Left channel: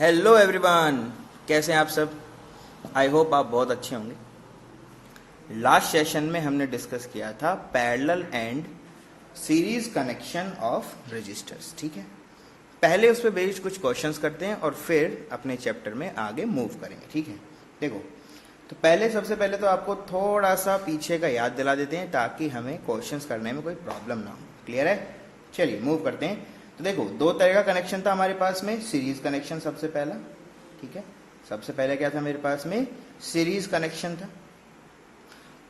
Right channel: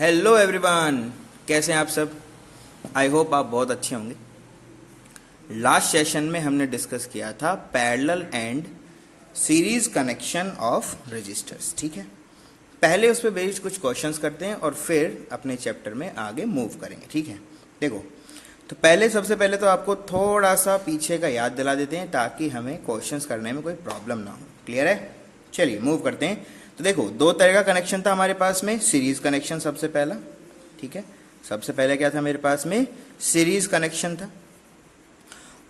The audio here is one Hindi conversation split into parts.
हेलो एवरीवन, कैसे हैं आप सब। आई होप आप बहुत अच्छे होंगे। लास्ट सेशन में हमने डिस्कस किया था parallel and series connection of resistors. ठीक है, पहले उस पर बेस्ड कुछ क्वेश्चंस करते हैं और फिर अपने चैप्टर में आगे मूव करेंगे। ठीक है, देखो तो सबसे पहले तो आपको थोड़ा सा पीछे का याद दिला देते हैं ताकि हमें क्वेश्चंस करने में कोई प्रॉब्लम ना हो। क्लियर है? चलिए मूव करते हैं। तो देखो, दो तरह का कनेक्शन था हमारे पास में। सीरीज कनेक्शन सबसे पहला, ठीक है, सबसे पहले क्या था मेरे पास में? सीरीज कनेक्शन था।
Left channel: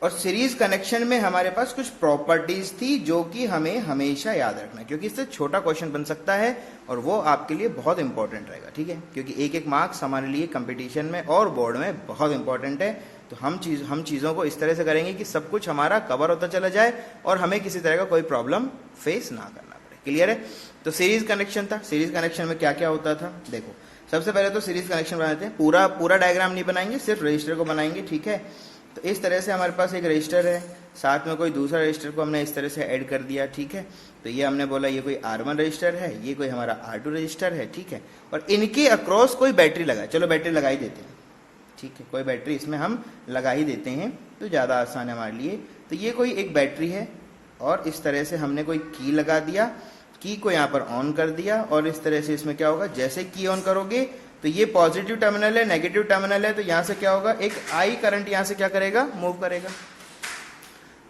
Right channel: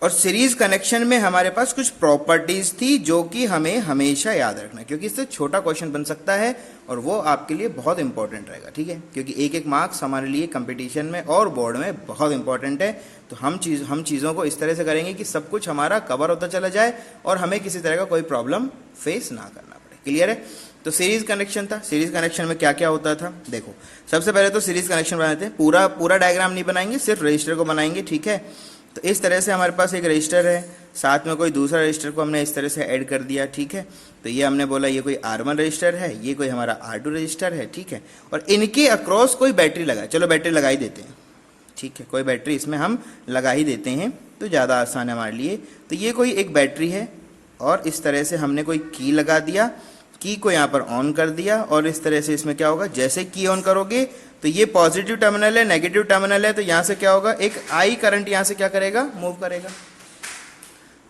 और सीरीज कनेक्शन में हमारे पास कुछ प्रॉपर्टीज थी जो कि हमें हमेशा याद रखना, क्योंकि इससे छोटा क्वेश्चन बन सकता है और वो आपके लिए बहुत इंपॉर्टेंट रहेगा। ठीक है, क्योंकि एक एक मार्क्स हमारे लिए कंपटीशन में और बोर्ड में बहुत इंपॉर्टेंट है। तो हम चीज़ों को इस तरह से करेंगे कि सब कुछ हमारा कवर होता चला जाए और हमें किसी तरह का कोई प्रॉब्लम फेस ना करना पड़े। क्लियर है? तो सीरीज कनेक्शन था। सीरीज कनेक्शन में क्या क्या होता था, देखो सबसे पहले तो सीरीज कनेक्शन बनाते हैं। पूरा डायग्राम नहीं बनाएंगे, सिर्फ रजिस्टर को बनाएंगे। ठीक है, तो इस तरह से हमारे पास एक रजिस्टर है, साथ में कोई दूसरा रजिस्टर को हमने इस तरह से ऐड कर दिया। ठीक है, तो ये हमने बोला ये कोई R1 रजिस्टर है, ये कोई हमारा R2 रजिस्टर है। ठीक है, और इनके अक्रॉस कोई बैटरी लगा, चलो बैटरी लगा ही देते हैं। ठीक है, कोई बैटरी इसमें हम लगा ही देते हैं तो ज़्यादा आसान है हमारे लिए। तो ये कोई एक बैटरी है और इस तरह से हमने कोई की लगा दिया, की को यहाँ पर ऑन कर दिया। और इस तरह से इसमें क्या होगा, जैसे की ऑन करोगे तो ये पॉजिटिव टर्मिनल है, नेगेटिव टर्मिनल है, तो यहां से क्या होगा, एक आई करंट यहां से क्या करेगा, मूव करेगा।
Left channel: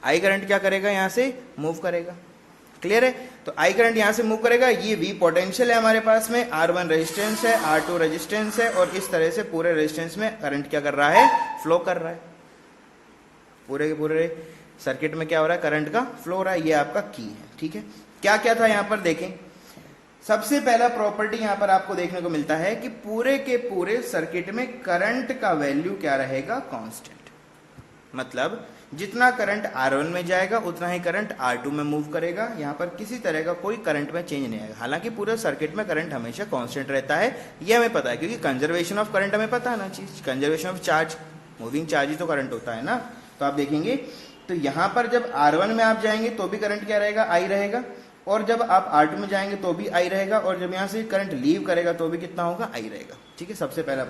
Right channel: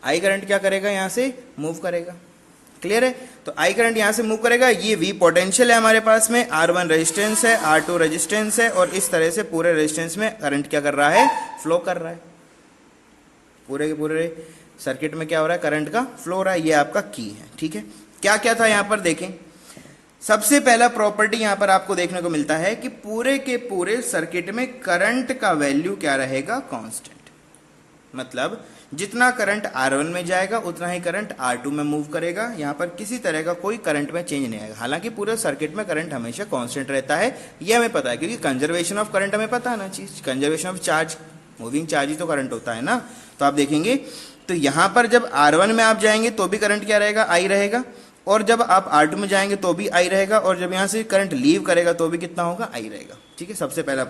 आई करंट क्या करेगा, यहां से मूव करेगा। क्लियर है? तो आई करंट यहां से मूव करेगा। ये वी पोटेंशियल है हमारे पास में, R1 रेजिस्टेंस है, R2 रेजिस्टेंस है, और इस तरह से पूरे रेजिस्टेंस में करंट क्या कर रहा है, फ्लो कर रहा है। पूरे के पूरे सर्किट में क्या हो रहा है, करंट का फ्लो हो रहा है। ये आपका की है। ठीक है, क्या क्या था यहां पर देखें। सबसे पहला प्रॉपर्टी यहां पर आपको देखने को मिलता है कि पूरे के पूरे सर्किट में करंट का वैल्यू क्या रहेगा, कांस्टेंट। मतलब जितना करंट R1 में जाएगा उतना ही करंट R2 में मूव करेगा। यहां पर किसी तरह का कोई करंट में चेंज नहीं आएगा। हालांकि पूरे सर्किट में करंट हमेशा कांस्टेंट रहता है, ये हमें पता है, क्योंकि कंजर्वेशन ऑफ करंट हमें पता है ना चीज। Conservation of charge, moving charge ही तो करंट होता है ना। तो आप देखेंगे तो यहां पर जब R1 में आप जाएंगे तो भी करंट क्या रहेगा, I रहेगा, और जब आप R2 में जाएंगे तो भी I रहेगा, और जब यहां से करंट लीव करेगा तो भी कितना होगा, I रहेगा। ठीक है, सबसे पहला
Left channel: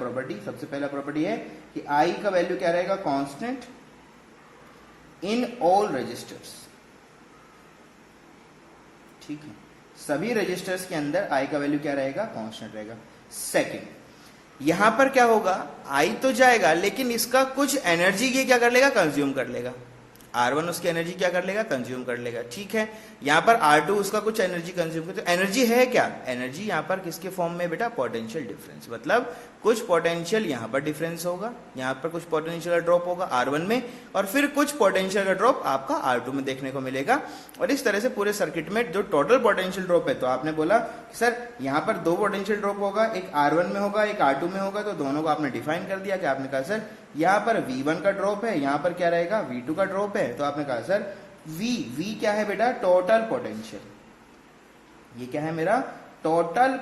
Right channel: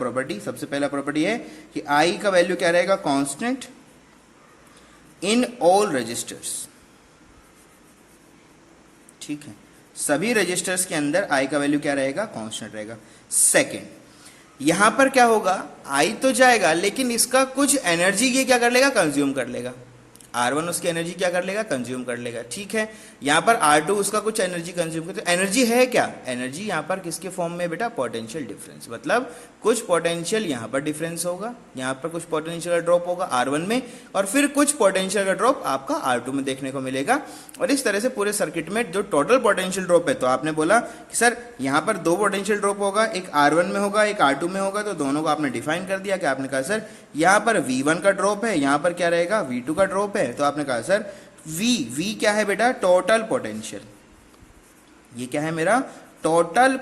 प्रॉपर्टी है कि I का वैल्यू क्या रहेगा, कांस्टेंट इन ऑल रजिस्टर्स। ठीक है, सभी रजिस्टर्स के अंदर I का वैल्यू क्या रहेगा, कांस्टेंट रहेगा। सेकेंड, यहां पर क्या होगा, I तो जाएगा लेकिन इसका कुछ एनर्जी ये क्या कर लेगा, कंज्यूम कर लेगा। R1 उसकी एनर्जी क्या कर लेगा, कंज्यूम कर लेगा। ठीक है, यहाँ पर R2 उसका कुछ एनर्जी कंज्यूम कर, तो एनर्जी है क्या, एनर्जी यहाँ पर किसके फॉर्म में बेटा, पोटेंशियल डिफरेंस। मतलब कुछ पोटेंशियल यहाँ पर डिफरेंस होगा, यहाँ पर कुछ पोटेंशियल ड्रॉप होगा R1 में, और फिर कुछ पोटेंशियल का ड्रॉप आपका R2 में देखने को मिलेगा। और इस तरह से पूरे सर्किट में जो टोटल पोटेंशियल ड्रॉप है, तो आपने बोला कि सर यहाँ पर दो पोटेंशियल ड्रॉप होगा, एक R1 में होगा, एक R2 में होगा, तो दोनों को आपने डिफाइन कर दिया कि आपने कहा सर यहाँ पर V1 का ड्रॉप है, यहाँ पर क्या रहेगा, V2 का ड्रॉप है। तो आपने कहा सर V क्या है बेटा, टोटल पोटेंशियल। ये क्या है मेरा, टोटल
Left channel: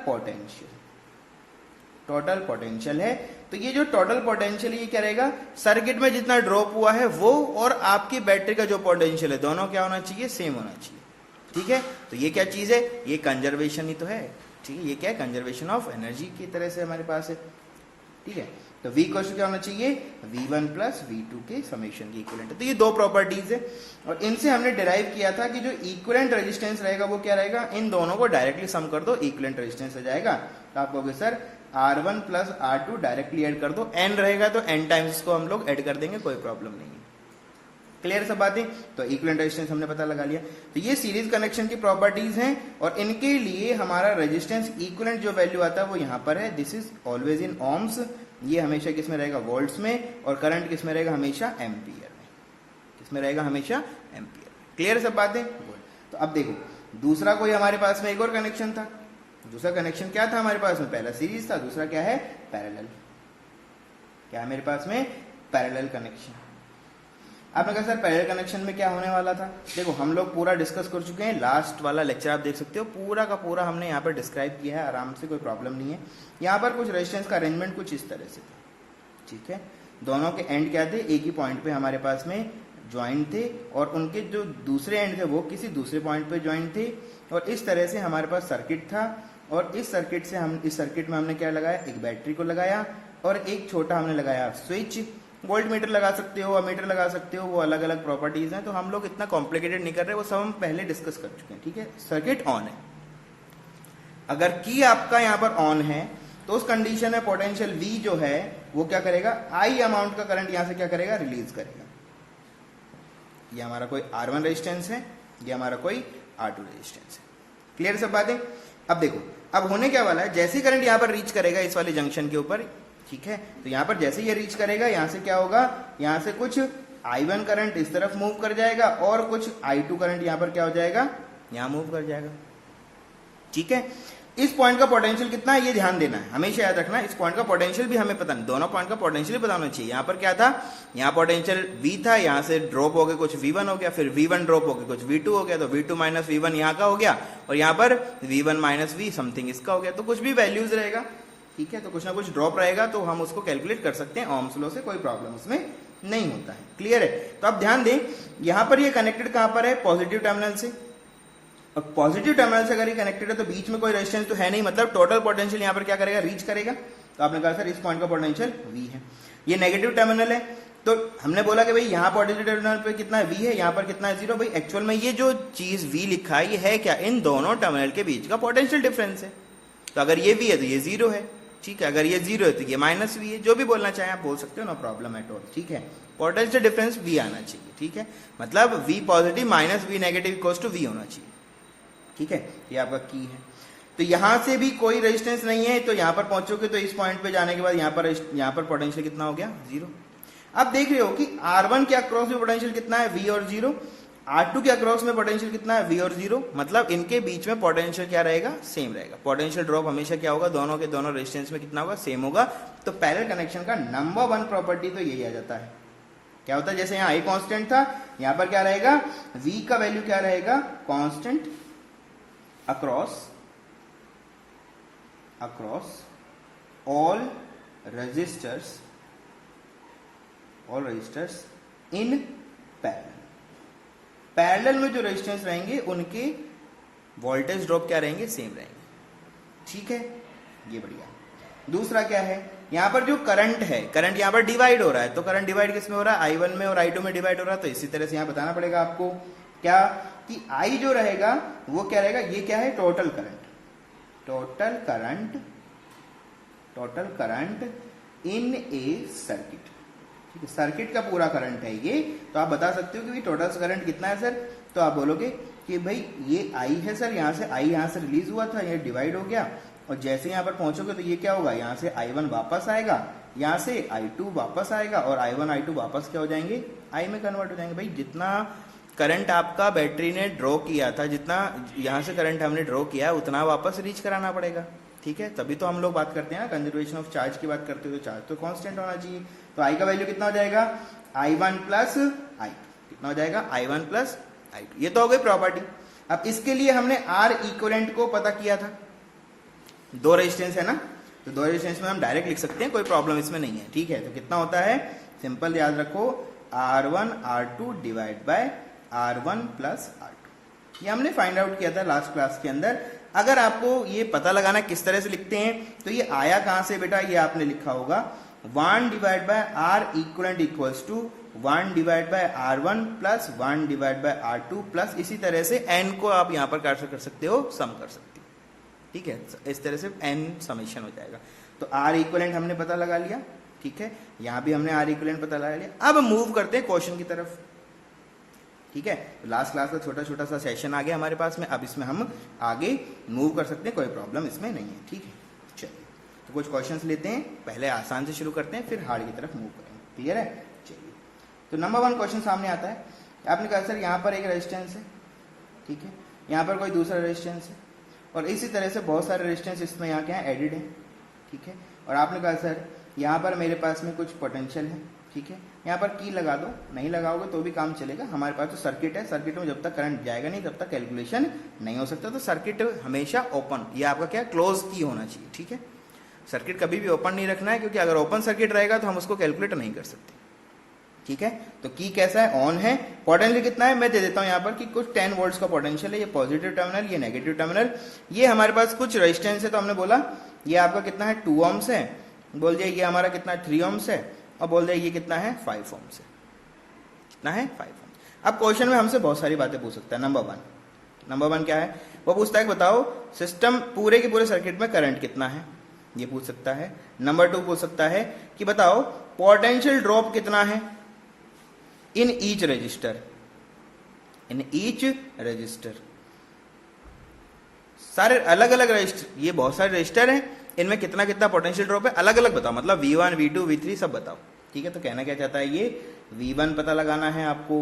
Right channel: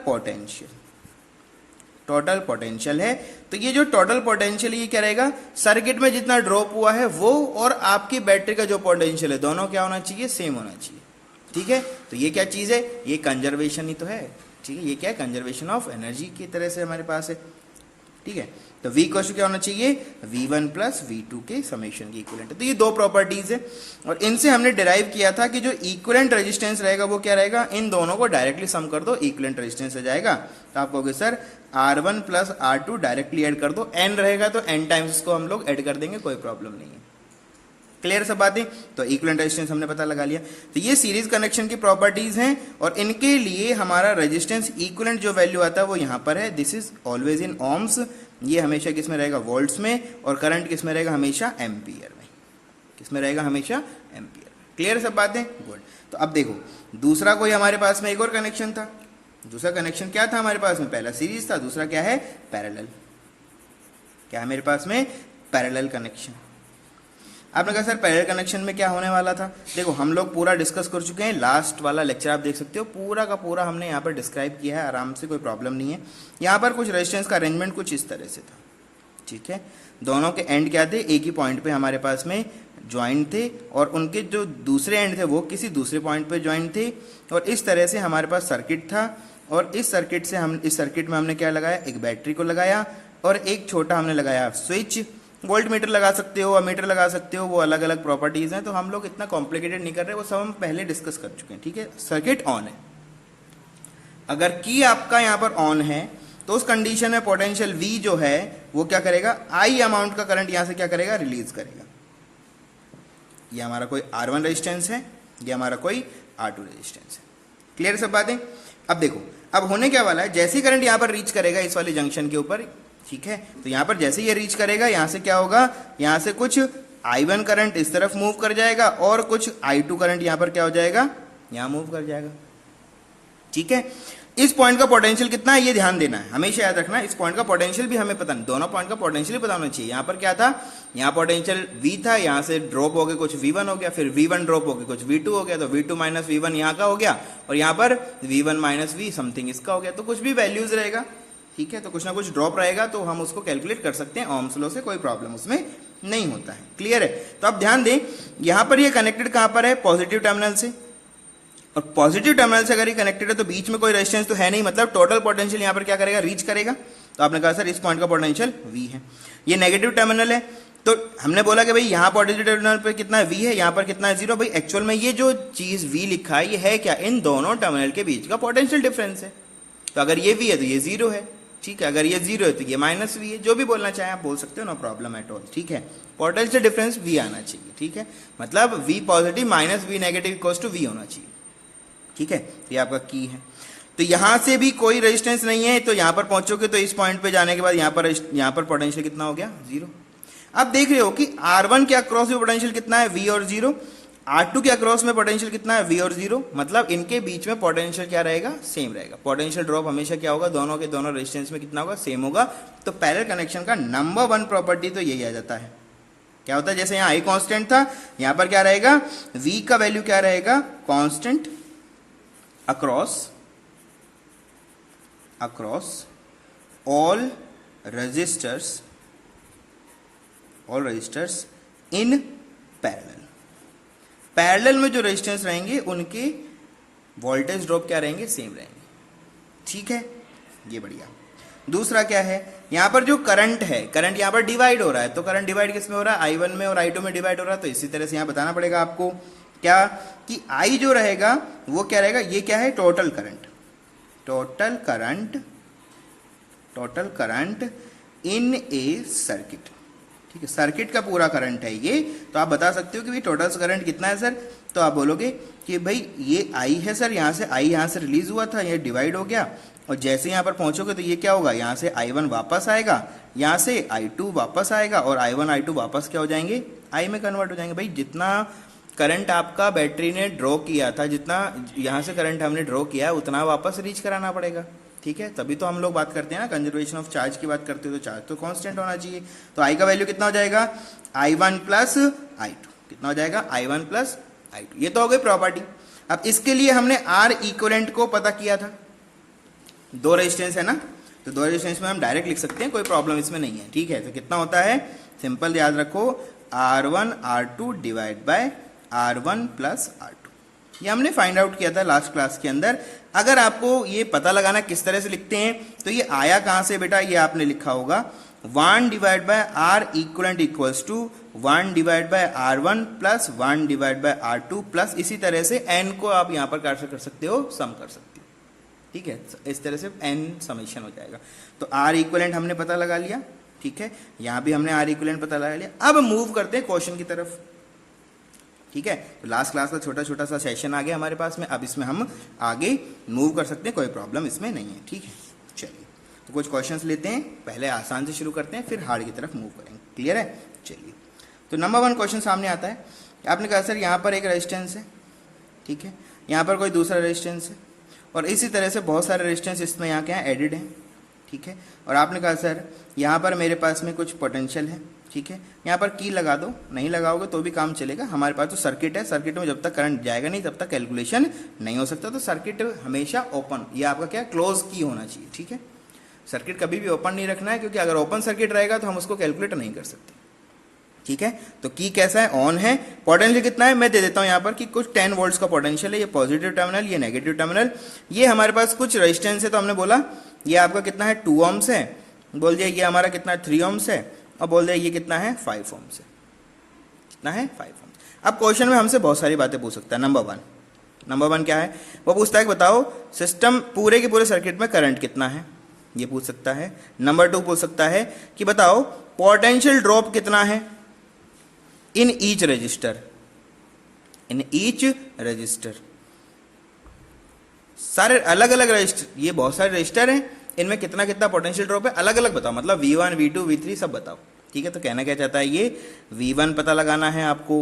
पोटेंशियल है। तो ये जो टोटल पोटेंशियल ये क्या रहेगा, सर्किट में जितना ड्रॉप हुआ है वो और आपकी बैटरी का जो पोटेंशियल है, दोनों क्या होना चाहिए, सेम होना चाहिए। ठीक है, तो ये क्या चीज है, ये कंजर्वेशन ही तो है। ठीक है, ये क्या है, कंजर्वेशन ऑफ एनर्जी की तरह से हमारे पास है। ठीक है, तो V इक्वल टू क्या होना चाहिए, V1 प्लस V2 के समेशन की इक्विवेलेंट। तो ये दो प्रॉपर्टीज है और इनसे हमने डिराइव किया था कि जो इक्विवेलेंट रेजिस्टेंस रहेगा वो क्या रहेगा, इन दोनों को डायरेक्टली सम कर दो, इक्विवेलेंट रेजिस्टेंस आ जाएगा। तो आप कहोगे sir R1 plus R2 directly add कर दो, n रहेगा तो n टाइम्स इसको हम लोग ऐड कर देंगे, कोई प्रॉब्लम नहीं है। क्लियर सब बातें? तो इक्विवेलेंट रेजिस्टेंस हमने पता लगा लिया। तो ये सीरीज कनेक्शन की प्रॉपर्टीज हैं और इनके लिए हमारा रेजिस्टेंस इक्विवेलेंट जो वैल्यू आता है वो यहाँ पर है, this is always in ohms. ये हमेशा किस में रहेगा, वोल्ट्स में, और करंट किस में रहेगा, हमेशा एम्पियर में। किस में रहेगा, हमेशा एम्पियर। क्लियर सब बातें? गुड। तो अब देखो दूसरा कोई हमारे पास में एक और कनेक्शन था। दूसरा कनेक्शन क्या था हमारे पास में, पहला सीरीज था, दूसरा क्या है, पैरेलल। क्या है मेरे पास में, पैरेलल कनेक्शन। आपने कहा सर पैरेलल कनेक्शन में क्या होने वाला था, देखो हम लोग पूरा डिस्कस कर चुके हैं। लास्ट वाला लेक्चर आप देख सकते हो, पूरा का पूरा हमने यहाँ पर डिस्क्राइब किया है आराम से, कोई प्रॉब्लम नहीं है। यहाँ पर कुछ रेजिस्टेंस का अरेंजमेंट कुछ इस तरह से था। ठीक है, दोनों के एंड क्या थे, एक ही पॉइंट पे हमारे पास में ज्वाइंट थे, और उनके जो दूसरे एंड थे वो किसी दूसरे पॉइंट पे ज्वाइंट थे, और इस तरह से हमारे पास सर्किट था। और इस सर्किट से हम इस सर्किट में हमने क्या लगाया, एक बैटरी को लगाया और एक छोटा हमने लगाया स्विच। वोल्ट मीटर लगा सकते हो, अमीटर लगा सकते हो, वो अलग अलग प्रॉपर्टीज हैं, तो हम लोग इतना कॉम्प्लिकेटेड नहीं कर रहे, वो सब हम पहले डिस्कस कर चुके हैं। ठीक है, सर्किट ऑन है, अगर की आपका यहां पर ऑन है तो उस कंडीशन में पोटेंशियल V जो है वो क्या करेगा, I अमाउंट का करंट यहां से क्या करेगा, रिलीज करेगा। ये हमारा कोई R1 रेजिस्टेंस है, ये हमारा कोई R2 रेजिस्टेंस है। क्लियर सब बातें। अब देखो, अब होने क्या वाला है, जैसे ही करंट यहां पर रीच करेगा इस वाले जंक्शन के ऊपर, ठीक है, तो यहां पर जैसे ये रीच करेगा, यहां से क्या होगा, यहां से कुछ I1 करंट इस तरफ मूव कर जाएगा और कुछ I2 करंट यहां पर क्या हो जाएगा, यहां मूव कर जाएगा। ठीक है, इस पॉइंट का पोटेंशियल कितना है ये ध्यान देना है, हमेशा याद रखना। इस पॉइंट का पोटेंशियल भी हमें पता नहीं, दोनों पॉइंट का पोटेंशियल पता होना चाहिए। यहां पर क्या था, यहां पोटेंशियल V था, यहां से ड्रॉप हो गया कुछ V1 हो गया, फिर V1 ड्रॉप हो गया कुछ V2 हो गया, तो V2 माइनस V1 यहां का हो गया, और यहां पर V1 माइनस V समथिंग इसका हो गया, तो कुछ भी वैल्यूज रहेगा। ठीक है, तो कुछ ना कुछ ड्रॉप रहेगा, तो हम उसको कैलकुलेट कर सकते हैं ओम्स लॉ से, कोई प्रॉब्लम उसमें नहीं होता है। क्लियर है। तो अब ध्यान दें, यहां पर ये कनेक्टेड कहां पर है, पॉजिटिव टर्मिनल से, और पॉजिटिव टर्मिनल से अगर ये कनेक्टेड है तो बीच में कोई रेजिस्टेंस तो है नहीं, मतलब टोटल पोटेंशियल यहां पर क्या करेगा, रीच करेगा। तो आपने कहा सर इस पॉइंट का पोटेंशियल V है, ये नेगेटिव टर्मिनल है, तो हमने बोला कि भाई यहां पॉजिटिव टर्मिनल पे कितना V है, यहां पर कितना है 0। भाई एक्चुअल में ये जो चीज V लिखा है ये है क्या, इन दोनों टर्मिनल के बीच का पोटेंशियल डिफरेंस है। तो अगर ये V है तो ये 0 है। ठीक है, अगर ये 0 है तो ये माइनस V है, जो भी बोलना चाहे आप बोल सकते हो, नो प्रॉब्लम एट ऑल। ठीक है, पोटेंशियल डिफरेंस V आना चाहिए। ठीक है, मतलब V positive minus V negative equals to V होना चाहिए। ठीक है, ये आपका की है। तो यहां से भी कोई रेजिस्टेंस नहीं है, तो यहां पर पहुंचोगे तो इस पॉइंट पे जाने के बाद यहां पर पोटेंशियल कितना हो गया, 0। अब देख रहे हो कि R1 के अक्रॉस में पोटेंशियल कितना है, V और 0, R2 के अक्रॉस में पोटेंशियल कितना है, V और 0, मतलब इनके बीच में पोटेंशियल क्या रहेगा, सेम रहेगा। पोटेंशियल ड्रॉप हमेशा क्या होगा, दोनों के दोनों रेजिस्टेंस में कितना होगा, सेम होगा। तो पैरेलल कनेक्शन का नंबर 1 प्रॉपर्टी तो यही आ जाता है। क्या होता है, जैसे यहाँ I कांस्टेंट था, यहां पर क्या रहेगा, V का वैल्यू क्या रहेगा, constant across all resistors in parallel में जो रेजिस्टेंस रहेंगे उनके वोल्टेज ड्रॉप क्या रहेंगे, सेम रहेंगे। ठीक है, ये बढ़िया। दूसरा क्या है, यहां पर जो करंट है, करंट यहां पर डिवाइड हो रहा है, तो करंट डिवाइड किस में हो रहा है, I1 में और I2 में डिवाइड हो रहा है। तो इसी तरह से यहां बताना पड़ेगा आपको क्या, कि I जो रहेगा वो क्या रहेगा, ये क्या है, total current in A circuit. ठीक है, सर्किट का पूरा करंट है ये। तो आप बता सकते हो कि भाई टोटल करंट कितना है सर, तो आप बोलोगे कि भाई ये I है सर, यहाँ से I यहाँ से रिलीज हुआ था, ये डिवाइड हो गया, और जैसे यहाँ पर पहुंचोगे तो ये क्या होगा, यहाँ से I1 वापस आएगा, यहाँ से I2 वापस आएगा, और I1 I2 वापस क्या हो जाएंगे, I में कन्वर्ट हो जाएंगे। भाई जितना करंट आपका बैटरी ने ड्रॉ किया था, जितना यहाँ से करंट हमने ड्रॉ किया है, उतना वापस रीच कराना पड़ेगा। ठीक है, तभी तो हम लोग बात करते हैं ना, कंजर्वेशन ऑफ चार्ज की बात करते हो, तो चार्ज तो कांस्टेंट होना चाहिए। तो I का वैल्यू कितना हो जाएगा, I1 प्लस I2, कितना हो जाएगा, I1 प्लस I2। ये तो हो गई प्रॉपर्टी। अब इसके लिए हमने R इक्विवेलेंट को पता किया था, 2 रेजिस्टेंस है ना, तो 2 रेजिस्टेंस में हम डायरेक्ट लिख सकते हैं, कोई प्रॉब्लम इसमें नहीं है। ठीक है, तो कितना होता है, सिंपल याद रखो, R1 R2 divide by R1 plus R2। ये हमने फाइंड आउट किया था लास्ट क्लास के अंदर। अगर आपको ये पता लगाना किस तरह से लिखते हैं, तो ये आया कहां से बेटा, ये आपने लिखा होगा 1 divide by R equivalent equals to 1 divide by R1 plus 1 divide by R2 plus इसी तरह से n को आप यहां पर कर सकते हो, सम कर सकते हो। ठीक है, इस तरह से n समेशन हो जाएगा। तो R इक्वलेंट हमने पता लगा लिया। ठीक है, यहां भी हमने R इक्वलेंट पता लगा लिया। अब मूव करते हैं क्वेश्चन की तरफ। ठीक है, लास्ट क्लास का छोटा सा सेशन आ गया हमारे पास में, अब इसमें हम आगे मूव कर सकते हैं, कोई प्रॉब्लम इसमें नहीं है। ठीक है, चलिए तो कुछ क्वेश्चंस लेते हैं, पहले आसान से शुरू करते हैं, फिर हार्ड की तरफ मूव करेंगे। क्लियर है, चलिए। तो नंबर 1 क्वेश्चन सामने आता है। आपने कहा सर यहाँ पर एक रेजिस्टेंस है, ठीक है, यहाँ पर कोई दूसरा रेजिस्टेंस है, और इसी तरह से बहुत सारे रेजिस्टेंस इसमें यहाँ के यहाँ एडिड है। ठीक है, और आपने कहा सर यहाँ पर मेरे पास में कुछ पोटेंशियल है। ठीक है, यहाँ पर की लगा दो, नहीं लगाओगे तो भी काम चलेगा, हमारे पास तो सर्किट है, सर्किट में जब तक करंट जाएगा नहीं तब तक कैलकुलेशन नहीं हो सकता। तो सर्किट हमेशा ओपन, ये आपका क्या क्लोज की होना चाहिए। ठीक है, सर्किट कभी भी ओपन नहीं रखना है, क्योंकि अगर ओपन सर्किट रहेगा तो हम उसको कैलकुलेट नहीं कर सकते। ठीक है, तो की कैसा है, ऑन है। पोटेंशियल कितना है मैं दे देता हूं यहां पर कि कुछ 10 वोल्ट्स का पोटेंशियल है, ये पॉजिटिव टर्मिनल, ये नेगेटिव टर्मिनल, ये हमारे पास कुछ रेजिस्टेंस है, तो हमने बोला ये आपका कितना है 2 ohms है, बोल दिया ये हमारा कितना 3 ohms है, और बोल दिया ये कितना है 5 ohms है, कितना है 5 ohms। अब क्वेश्चन में हमसे बहुत सारी बातें पूछ सकता है। नंबर वन क्या है, वो पूछता है कि बताओ सिस्टम पूरे के पूरे सर्किट में करंट कितना है, ये पूछ सकता है। नंबर 2 पूछ सकता है कि बताओ पोटेंशियल ड्रॉप कितना है इन ईच रजिस्टर, सारे अलग अलग रजिस्टर, ये बहुत सारे रजिस्टर हैं, इनमें कितना कितना पोटेंशियल ड्रॉप है अलग अलग बताओ, मतलब V1 V2 V3 सब बताओ। ठीक है, तो कहना क्या चाहता है ये, V1 पता लगाना है आपको,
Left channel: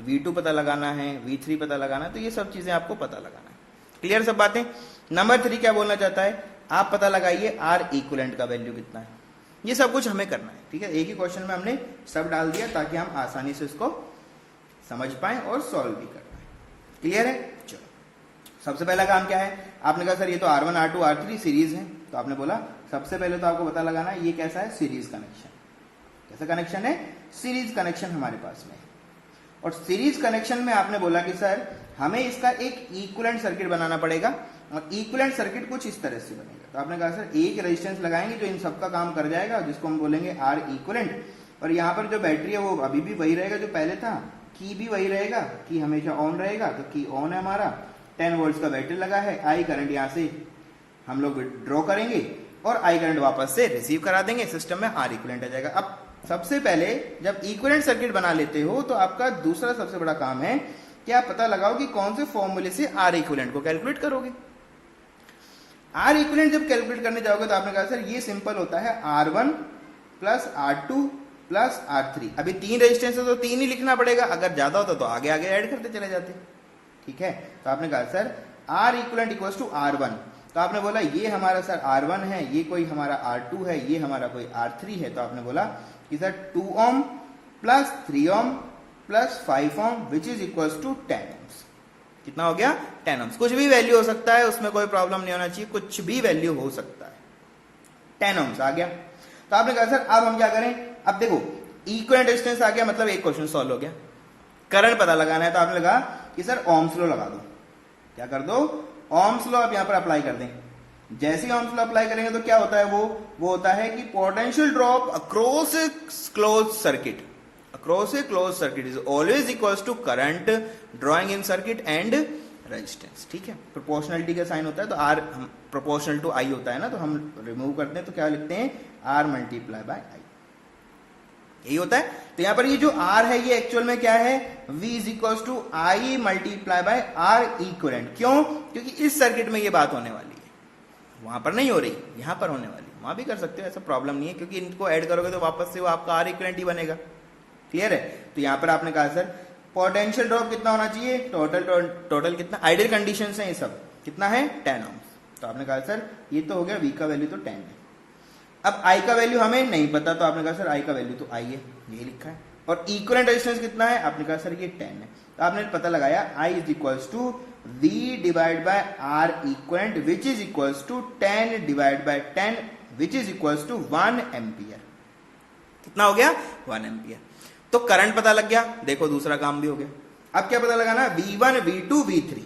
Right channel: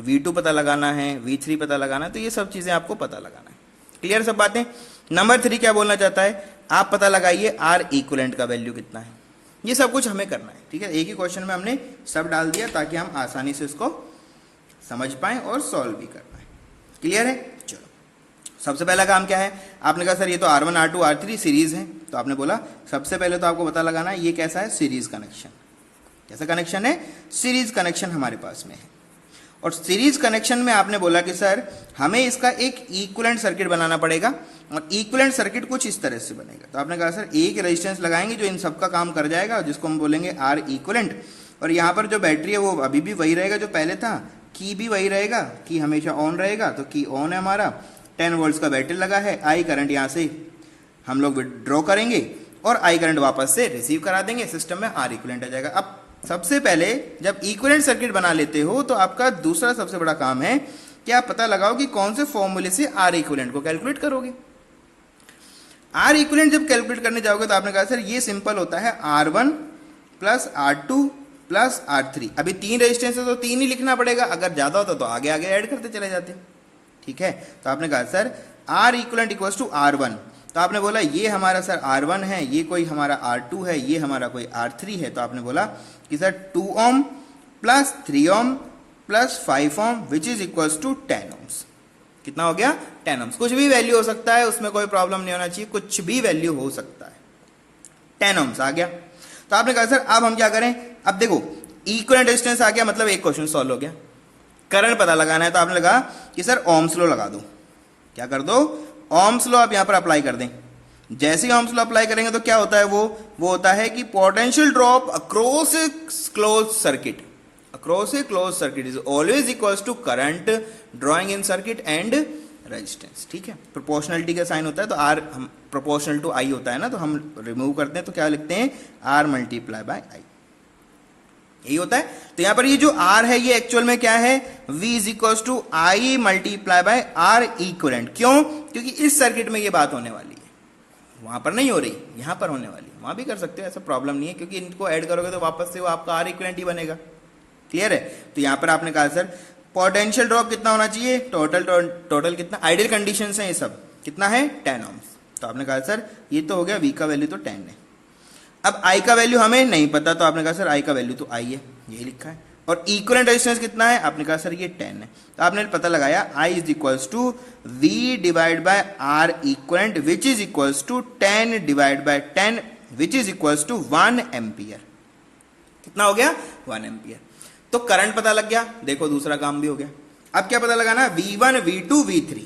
V2 पता लगाना है, V3 पता लगाना है, तो ये सब चीजें आपको पता लगाना है। क्लियर सब बातें। नंबर 3 क्या बोलना चाहता है, आप पता लगाइए R इक्विवेलेंट का वैल्यू कितना है। ये सब कुछ हमें करना है। ठीक है, एक ही क्वेश्चन में हमने सब डाल दिया ताकि हम आसानी से उसको समझ पाए और सॉल्व भी कर पाए। क्लियर है, चलो सबसे पहला काम क्या है, आपने कहा सर ये तो R1 R2 R3 सीरीज है, तो आपने बोला सबसे पहले तो आपको पता लगाना है ये कैसा है, सीरीज कनेक्शन। कैसा कनेक्शन है, सीरीज कनेक्शन हमारे पास में है। और सीरीज कनेक्शन में आपने बोला कि सर हमें इसका एक इक्विवेलेंट सर्किट बनाना पड़ेगा, और इक्विवेलेंट सर्किट कुछ इस तरह से बनेगा। तो आपने कहा सर एक रेजिस्टेंस लगाएंगे जो इन सब का काम कर जाएगा, जिसको हम बोलेंगे R इक्विवेलेंट, और यहाँ पर जो बैटरी है वो अभी भी वही रहेगा जो पहले था, की भी वही रहेगा, की हमेशा ऑन रहेगा, तो की ऑन है हमारा, 10 वोल्ट्स का बैटरी लगा है, आई करंट यहाँ से हम लोग विड्रॉ करेंगे और आई करंट वापस से रिसीव करा देंगे, सिस्टम में R इक्विवेलेंट आ जाएगा। अब सबसे पहले जब इक्विवेलेंट सर्किट बना लेते हो तो आपका दूसरा सबसे बड़ा काम है कि आप पता लगाओ कि कौन से फॉर्मूले से R इक्विवेलेंट को कैलकुलेट करोगे। R इक्विवेलेंट जब कैलकुलेट करने जाओगे तो आपने कहा सर ये सिंपल होता है R1 plus R2 plus R3। अभी 3 रेजिस्टेंस है तो 3 ही लिखना पड़ेगा, अगर ज्यादा होता तो आगे आगे ऐड करते चले जाते। ठीक है, तो आपने कहा sir R equivalent equals to R1, तो आपने बोला ये हमारा सर R1 है, ये कोई हमारा R2 है, ये हमारा कोई R3 है, तो आपने बोला कि sir 2 ohm plus 3 ohm plus 5 ohm which is equals to 10 ohms। कितना हो गया, 10 ohms। कुछ भी वैल्यू हो सकता है, उसमें कोई प्रॉब्लम नहीं होना चाहिए, कुछ भी वैल्यू हो सकता है, 10 ohms आ गया। तो आपने कहा सर अब हम क्या करें, अब देखो इक्विवेलेंट रेजिस्टेंस आ गया, मतलब एक क्वेश्चन सॉल्व हो गया। करंट पता लगाना है, तो आपने लगा कि सर ओम्स लॉ लगा दो। क्या कर दो, ओम्स लॉ आप यहां पर अप्लाई कर दें। जैसे ही ओम्स लॉ अप्लाई करेंगे तो क्या होता है, वो होता है कि potential drop across a close circuit, is always equals to current drawing in circuit and resistance. ठीक है, प्रोपोर्शनलिटी का साइन होता है, तो R प्रोपोर्शनल टू I होता है ना, तो हम रिमूव करते हैं तो क्या लिखते हैं, R मल्टीप्लाई बाय I, यही होता है। तो यहां पर ये जो R है ये एक्चुअल में क्या है, V is equal to I multiply by R equivalent. क्यों, क्योंकि इस सर्किट में ये बात होने वाली है, वहां पर नहीं हो रही, यहां पर होने वाली, वहां भी कर सकते हो, ऐसा प्रॉब्लम नहीं है, क्योंकि इनको ऐड करोगे तो वापस से वो आपका R इक्विवेलेंट ही बनेगा। क्लियर है, तो यहां पर आपने कहा सर पोटेंशियल ड्रॉप कितना होना चाहिए, टोटल कितना, आइडियल कंडीशन है ये सब, कितना है 10 ohms। तो आपने कहा सर ये तो हो गया, V का वैल्यू तो 10 है। अब I का वैल्यू हमें नहीं पता, तो आपने कहा सर I का वैल्यू तो I है, यही लिखा है। और इक्विवेलेंट रेजिस्टेंस कितना है, आपने कहा सर ये 10 है, तो आपने पता लगाया I is equals to V divide by R equivalent which is equals to 10 divide by 10 which is equals to 1 ampere. कितना हो गया, 1 एम्पियर। तो करंट पता लग गया, देखो दूसरा काम भी हो गया। अब क्या पता लगाना, V1 V2 V3,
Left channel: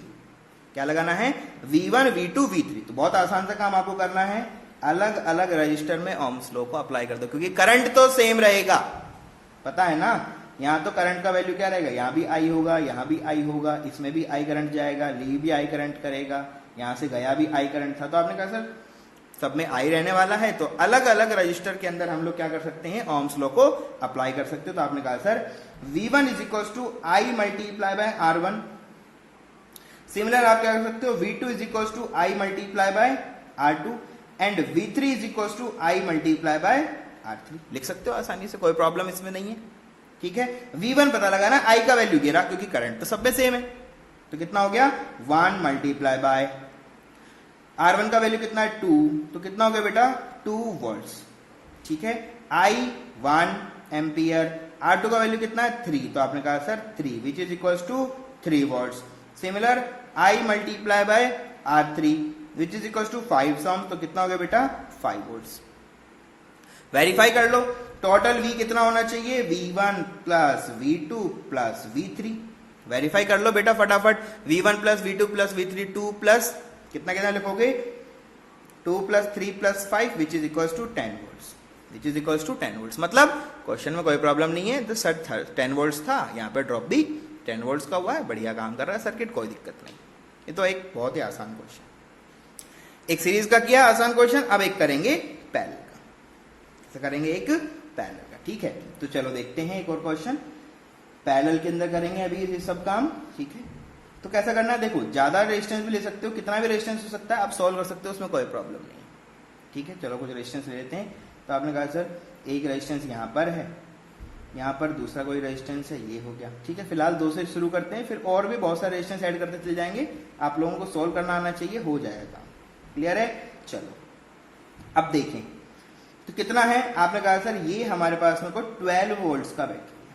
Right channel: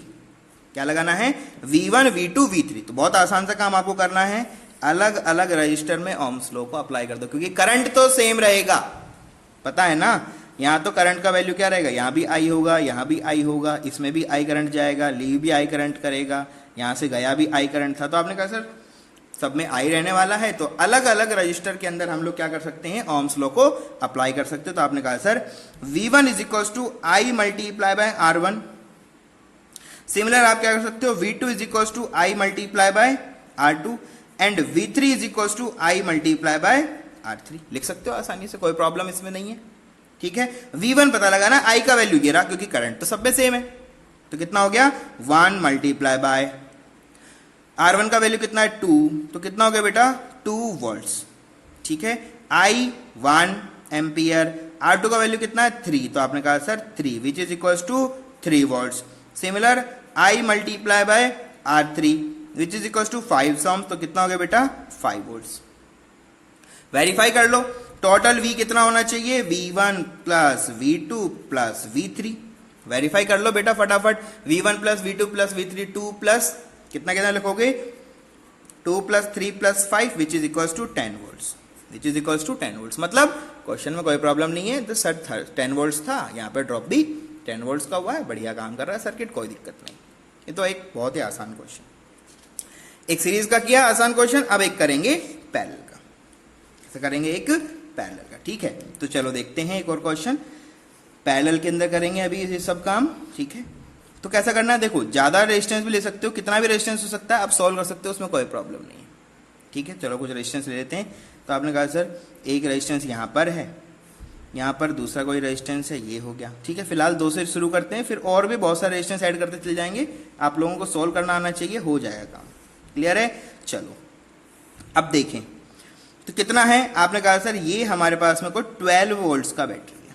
क्या लगाना है, V1 V2 V3। तो बहुत आसान सा काम आपको करना है, अलग अलग रजिस्टर में ओम्स लॉ को अप्लाई कर दो, क्योंकि करंट तो सेम रहेगा, पता है ना। यहां तो करंट का वैल्यू क्या रहेगा, यहां भी I होगा, यहां भी I होगा, इसमें भी I करंट जाएगा, लीव भी I करंट करेगा, यहां से गया भी I करंट था। तो आपने कहा सर सब में I रहने वाला है, तो अलग अलग रजिस्टर के अंदर हम लोग क्या कर सकते हैं, ओम्स लॉ को अप्लाई कर सकते हैं। तो आपने कहा sir V1 is equal to I multiply by R1। Similar आप क्या कर सकते हो, V2 is equal to I multiply by R2 and V3 is equal to I multiply by R3। लिख सकते हो आसानी से, कोई प्रॉब्लम इसमें नहीं है। ठीक है, V1 पता लगाना, I का वैल्यू गिरा क्योंकि करंट तो सब में सेम है, तो कितना हो गया 1 मल्टीप्लाई बाय R1 का वैल्यू कितना है 2, तो कितना हो गया बेटा 2 वोल्ट्स। ठीक है, I 1 एम्पियर, R2 का वैल्यू कितना है 3, तो आपने कहा sir 3 which is equal to 3 volts. Similar I multiply by R3 which is equal to 5 ohms, तो कितना हो गया बेटा 5 वोल्ट्स। वेरीफाई कर लो, टोटल V कितना होना चाहिए, V1 plus V2 plus V3। Verify कर लो बेटा फटाफट, V1 plus V2 plus V3, 2 plus कितना कितना लिखोगे, 2 plus 3 plus 5 which is equals to 10 volts, which is equals to 10 volts. मतलब क्वेश्चन में कोई प्रॉब्लम नहीं है, तो सर 10 वोल्ट्स था, यहाँ पे ड्रॉप भी 10 वोल्ट्स का हुआ है, बढ़िया काम कर रहा है सर्किट, कोई दिक्कत नहीं। ये तो एक बहुत ही आसान क्वेश्चन, एक सीरीज का किया आसान क्वेश्चन, अब एक करेंगे पैरेलल का, ऐसे करेंगे एक पैरेलल का, ठीक है। तो चलो देखते हैं एक और क्वेश्चन, पैरेलल के अंदर करेंगे अभी ये सब काम, ठीक है। तो कैसा करना है, देखो ज्यादा रेजिस्टेंस भी ले सकते हो, कितना भी रेजिस्टेंस हो सकता है, आप सॉल्व कर सकते हो, उसमें कोई प्रॉब्लम नहीं है, ठीक है। चलो कुछ रेजिस्टेंस ले लेते हैं। तो आपने कहा सर एक रेजिस्टेंस यहाँ पर है, यहाँ पर दूसरा कोई रेजिस्टेंस है, ये हो गया, ठीक है। फिलहाल 2 से शुरू करते हैं, फिर और भी बहुत सारे रेजिस्टेंस ऐड करते चले जाएंगे, आप लोगों को सॉल्व करना आना चाहिए, हो जाएगा काम, क्लियर है। चलो अब देखें तो कितना है, आपने कहा सर ये हमारे पास में कोई 12 वोल्ट्स का बैटरी है,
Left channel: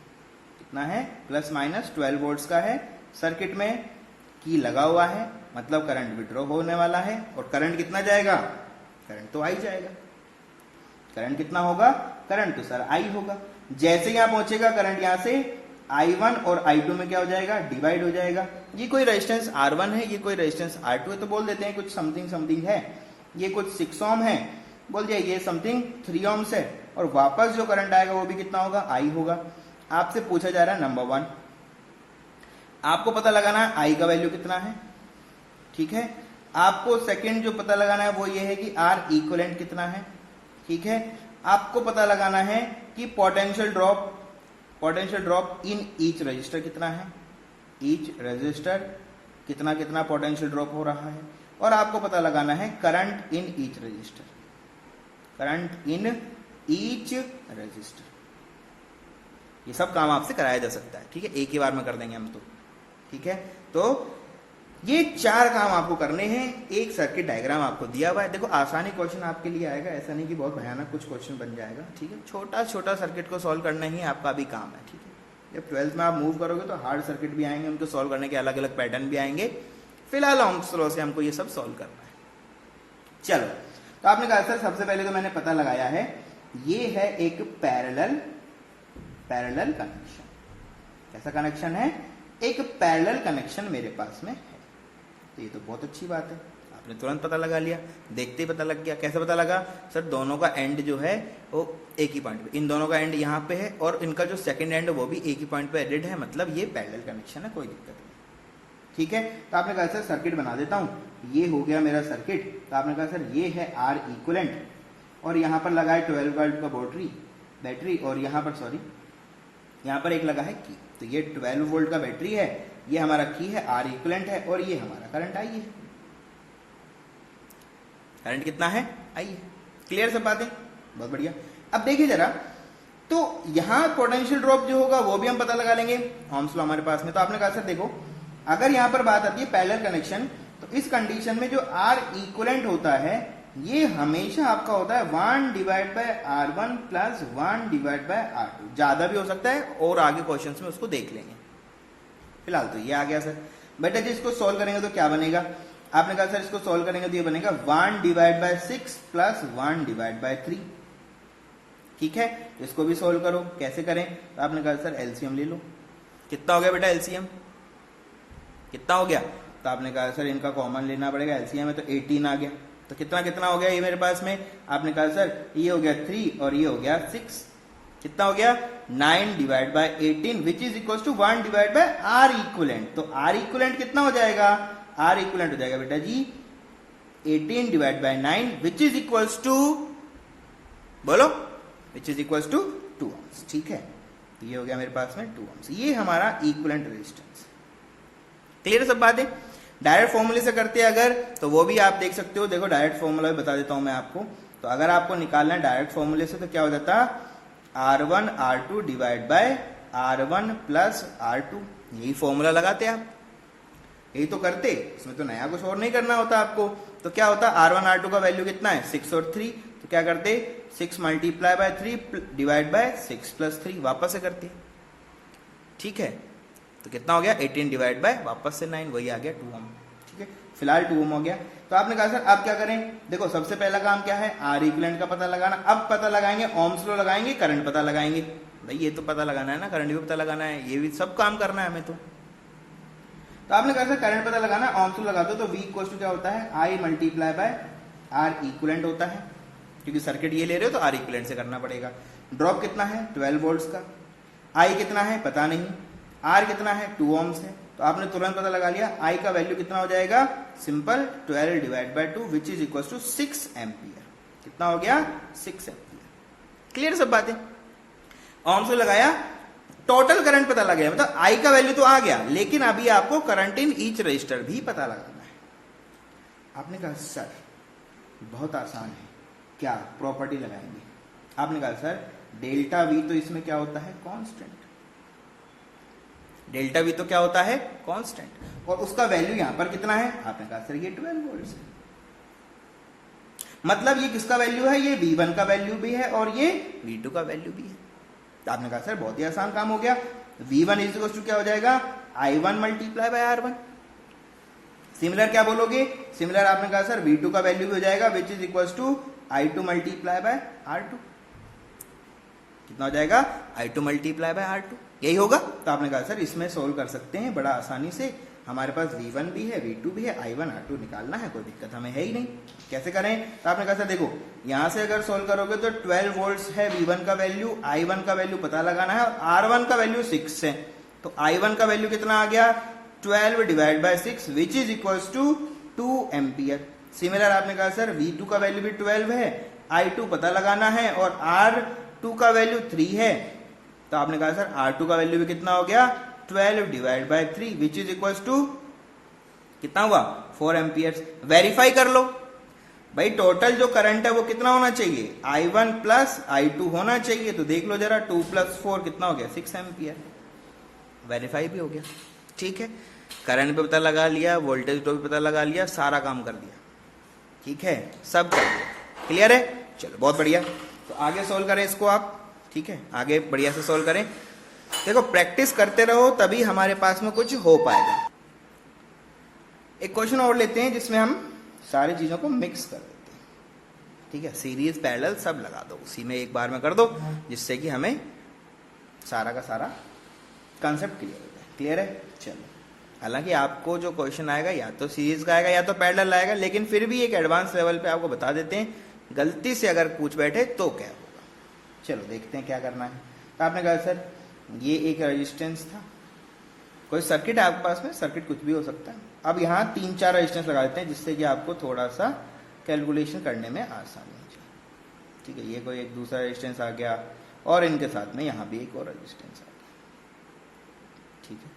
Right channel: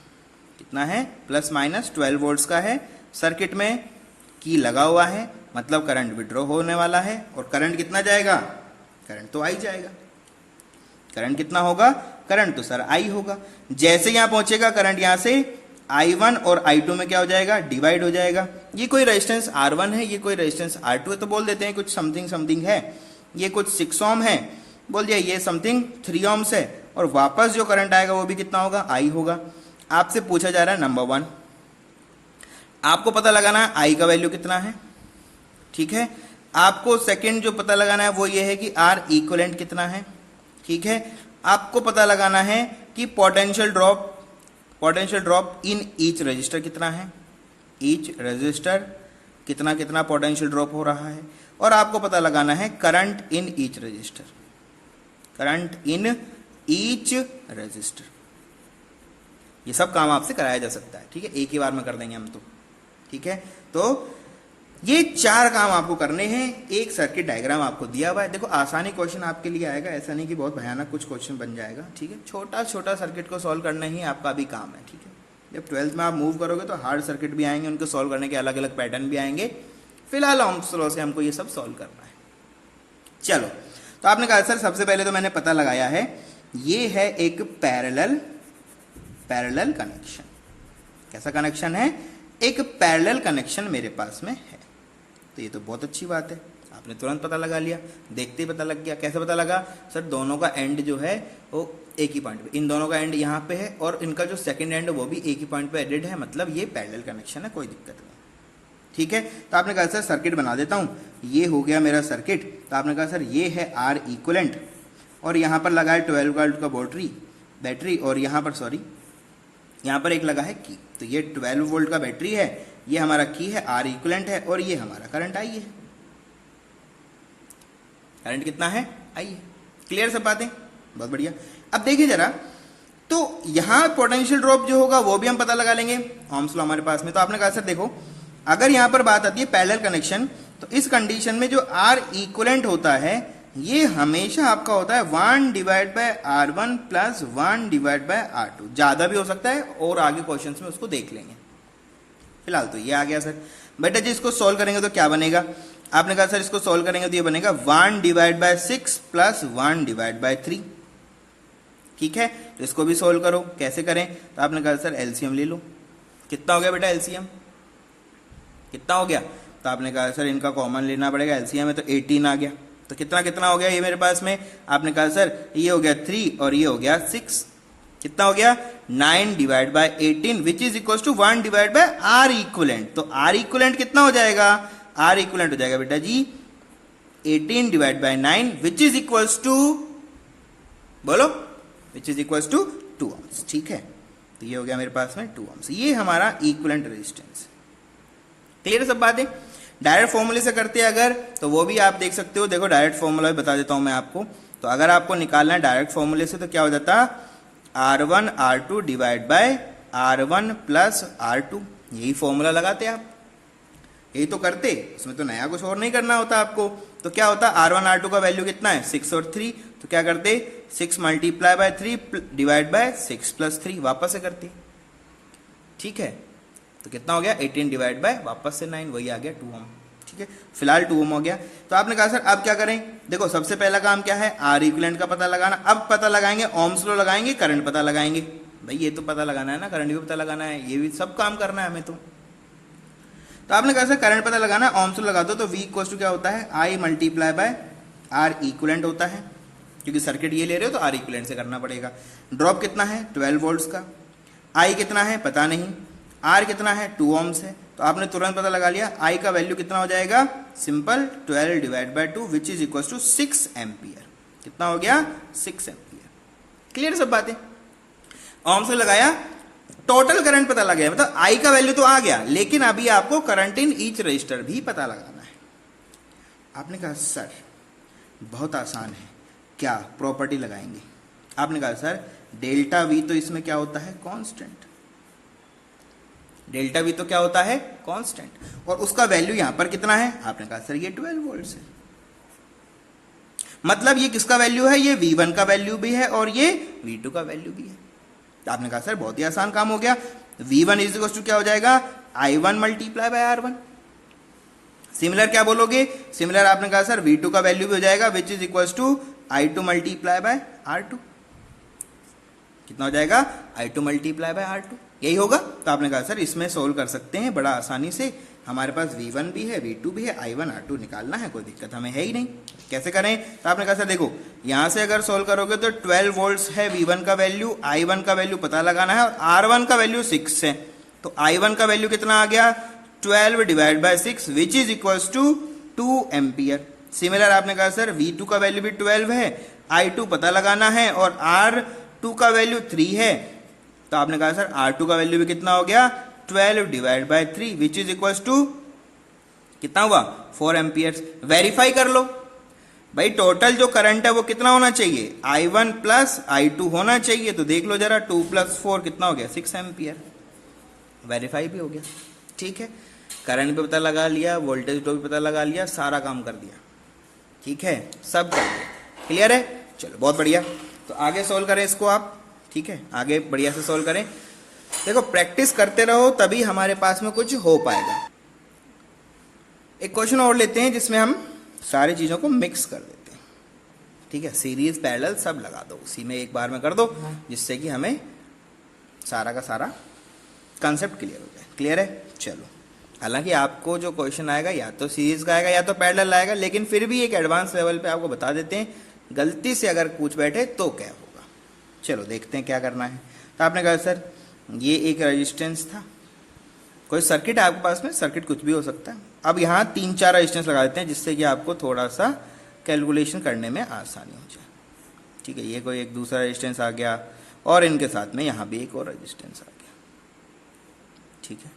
कितना है, प्लस माइनस 12 वोल्ट्स का है, सर्किट में की लगा हुआ है, मतलब करंट विड्रॉ होने वाला है, और करंट कितना जाएगा, करंट तो आई जाएगा, करंट कितना होगा, करंट तो सर आई होगा, जैसे यहां पहुंचेगा करंट यहां से I1 और I2 में क्या हो जाएगा, डिवाइड हो जाएगा। ये कोई रेजिस्टेंस R1 है, ये कोई रेजिस्टेंस R2 है, तो बोल देते हैं कुछ समथिंग समथिंग है, ये कुछ 6 ओम है, बोल दिया ये समथिंग 3 ओम्स है, और वापस जो करंट आएगा वो भी कितना होगा, I होगा। आपसे पूछा जा रहा है नंबर 1, आपको पता लगाना है I का वैल्यू कितना है, ठीक है। आपको सेकंड जो पता लगाना है वो ये है कि R इक्विवेलेंट कितना है, ठीक है। आपको पता लगाना है कि potential drop in each resistor कितना है, ईच रजिस्टर कितना कितना पोटेंशियल ड्रॉप हो रहा है, और आपको पता लगाना है current in each resistor, current in each resistor. ये सब काम आपसे कराया जा सकता है, ठीक है, एक ही बार में कर देंगे हम तो, ठीक है। तो ये 4 काम आपको करने हैं, एक सर्किट डायग्राम आपको दिया हुआ है। देखो आसानी क्वेश्चन आपके लिए आएगा, ऐसा नहीं कि बहुत भयानक कुछ क्वेश्चन बन जाएगा, ठीक है। छोटा छोटा सर्किट को सॉल्व करना ही आपका भी काम है, ठीक है। जब 12th में आप मूव करोगे तो हार्ड सर्किट भी आएंगे, उनको सॉल्व करने के अलग अलग पैटर्न भी आएंगे, फिलहाल ओम्स लॉ से हमको ये सब सॉल्व करना है। चलो तो आपने कहा सर सबसे पहले तो मैंने पता लगाया है, ये है एक पैरेलल कनेक्शन। कैसा कनेक्शन है, एक पैरेलल कनेक्शन मेरे पास में है, तो ये तो बहुत अच्छी बात है, आपने तुरंत पता लगा लिया, देखते ही पता लग गया। कैसे पता लगा, सर दोनों का एंड जो है वो एक ही पॉइंट पे, इन दोनों का एंड यहाँ पे है, और इनका जो सेकंड एंड है वो भी एक ही पॉइंट पे एडेड है, मतलब ये पैरेलल कनेक्शन है, कोई दिक्कत नहीं, ठीक है। तो आपने कहा सर सर्किट बना देता हूँ, ये हो गया मेरा सर्किट। तो आपने कहा सर ये है R इक्विवेलेंट, और यहाँ पर लगा है 12 वोल्ट का बैटरी, और यहाँ पर सॉरी यहाँ पर एक लगा है की, तो ये 12 वोल्ट का बैटरी है, ये हमारा की है, R इक्विवेलेंट है, और ये हमारा करंट आई है, करंट कितना है, आई है। क्लियर सब बातें, बहुत बढ़िया। अब देखिए जरा, तो यहां पोटेंशियल ड्रॉप जो होगा वो भी हम पता लगा लेंगे, ओम्स लॉ हमारे पास में। तो आपने कहा सर देखो, अगर यहां पर बात आती है पैरेलल कनेक्शन, तो इस कंडीशन में जो R इक्विवेलेंट होता है ये हमेशा आपका होता है 1 divide by R1 plus 1 divide by R2, ज्यादा भी हो सकता है, और आगे क्वेश्चंस में उसको देख लेंगे। फिलहाल तो ये आ गया सर। बेटा जी इसको सॉल्व करेंगे तो क्या बनेगा, आपने कहा सर इसको सॉल्व करेंगे तो ये बनेगा 1 divide by 6 plus 1 divide by 3, ठीक है। तो इसको भी सॉल्व करो, कैसे करें, तो आपने कहा सर एलसीएम ले लो। कितना हो गया बेटा एलसीएम, कितना हो गया, तो आपने कहा सर इनका कॉमन लेना पड़ेगा, एलसीएम है तो 18 आ गया। तो कितना कितना हो गया ये मेरे पास में, आपने कहा सर ये हो गया 3 और ये हो गया 6, कितना हो गया 9 divide by 18 which is equal to 1 divide by R equivalent. तो R इक्विवेलेंट कितना हो जाएगा, R इक्विवेलेंट हो जाएगा बेटा जी 18 divide by 9 which is equal to, बोलो, which is equal to 2 ohms, ठीक है। तो ये हो गया मेरे पास में 2 ohms, ये हमारा इक्विवेलेंट रेजिस्टेंस। क्लियर सब बातें। डायरेक्ट फॉर्मूले से करते हैं अगर, तो वो भी आप देख सकते हो, देखो डायरेक्ट फॉर्मूला भी बता देता हूं मैं आपको। तो अगर आपको निकालना है डायरेक्ट फॉर्मूले से तो क्या हो जाता, R1 R2 divide by R1 plus R2, यही फॉर्मूला लगाते आप, यही तो करते, इसमें तो नया कुछ और नहीं करना होता आपको। तो क्या होता है R1 R2 का वैल्यू कितना है 6 और 3, तो क्या करते 6 multiply by 3 divide by 6 plus 3, वापस से करते, ठीक है। तो कितना हो गया 18 डिवाइड बाय वापस से 9, वही आ गया 2 ohm, ठीक है, फिलहाल 2 ओम हो गया। तो आपने कहा सर अब क्या करें, देखो सबसे पहला काम क्या है, आर इक्विवेलेंट का पता लगाना। अब पता लगाएंगे, ओम्स लॉ लगाएंगे, करंट पता लगाएंगे। भाई ये तो पता लगाना है ना, करंट भी पता लगाना है, ये भी सब काम करना है हमें। तो आपने कहा सर करंट पता लगाना, ओम्स लॉ लगा दो। तो V इक्वल टू क्या होता है, I multiply by R equivalent होता है, क्योंकि सर्किट ये ले रहे हो तो आर इक्विवेलेंट से करना पड़ेगा। ड्रॉप कितना है 12 वोल्ट्स का, I कितना है पता नहीं, R कितना है 2 ओम्स है। तो आपने तुरंत पता लगा लिया, I का वैल्यू कितना हो जाएगा, simple 12 divide by 2 which is equal to 6 ampere. कितना हो गया 6 एम्पियर। क्लियर सब बातें। ओम्स लॉ लगाया, टोटल करंट पता लग गया, मतलब I का वैल्यू तो आ गया, लेकिन अभी आपको करंट इन ईच रजिस्टर भी पता लगाना है। आपने कहा सर बहुत आसान है, क्या प्रॉपर्टी लगाएंगे। आपने कहा सर डेल्टा V तो इसमें क्या होता है कांस्टेंट, डेल्टा V तो क्या होता है कांस्टेंट, और उसका वैल्यू यहां पर कितना है, आपने कहा सर ये 12 वोल्ट है। मतलब ये किसका वैल्यू है, ये V1 का वैल्यू भी है और ये V2 का वैल्यू भी है। तो आपने कहा सर बहुत ही आसान काम हो गया, V1 इज इक्वल टू क्या हो जाएगा, I1 multiply by R1। Similar क्या बोलोगे, सिमिलर आपने कहा सर V2 का वैल्यू भी हो जाएगा which is equal to I2 multiply by R2। कितना हो जाएगा, I2 मल्टीप्लाई बाय R2, यही होगा। तो आपने कहा सर इसमें सोल्व कर सकते हैं बड़ा आसानी से, हमारे पास V1 भी है V2 भी है, I1 R2 निकालना है, कोई दिक्कत हमें है ही नहीं। कैसे करें, तो आपने कहा सर देखो यहां से अगर सोल्व करोगे तो 12 वोल्ट्स है V1 का वैल्यू, I1 का वैल्यू पता लगाना है, और R1 का वैल्यू 6 है। तो I1 का वैल्यू कितना आ गया 12 divide by 6 which is equal to 2 ampere. Similar आपने कहा सर V2 का वैल्यू भी 12 है, I2 पता लगाना है, और R2 का वैल्यू 3 है। तो आपने कहा सर R2 का वैल्यू भी कितना हो गया 12 divide by 3 which is equal to कितना हुआ 4 एम्पियर्स। वेरीफाई कर लो भाई, टोटल जो करंट है वो कितना होना चाहिए, I1 प्लस I2 होना चाहिए। तो देख लो जरा 2 प्लस 4 कितना हो गया 6 एम्पियर। वेरीफाई भी हो गया, ठीक है, करंट भी पता लगा लिया, वोल्टेज ड्रॉप भी पता लगा लिया, सारा काम कर दिया, ठीक है, सब कर दिया। क्लियर है, चलो बहुत बढ़िया। तो आगे सोल्व करें इसको आप, ठीक है, आगे बढ़िया से सोल्व करें। देखो प्रैक्टिस करते रहो तभी हमारे पास में कुछ हो पाएगा। एक क्वेश्चन और लेते हैं जिसमें हम सारी चीजों को मिक्स कर देते हैं, ठीक है, सीरीज पैरेलल सब लगा दो, उसी में एक बार में कर दो, जिससे कि हमें सारा का सारा कंसेप्ट क्लियर हो जाए। क्लियर है, चलो। हालांकि आपको जो क्वेश्चन आएगा या तो सीरीज का आएगा या तो पैरेलल आएगा, लेकिन फिर भी एक एडवांस लेवल पे आपको बता देते हैं, गलती से अगर पूछ बैठे तो क्या होगा। चलो देखते हैं क्या करना है। तो आपने कहा सर ये एक रेजिस्टेंस था, कोई सर्किट है आपके पास में, सर्किट कुछ भी हो सकता है। अब यहाँ 3-4 रेजिस्टेंस लगा देते हैं जिससे कि आपको थोड़ा सा कैलकुलेशन करने में आसानी हो जाए, ठीक है। ये कोई एक दूसरा रेजिस्टेंस आ गया और इनके साथ में यहाँ भी एक और रेजिस्टेंस आ गया, ठीक है,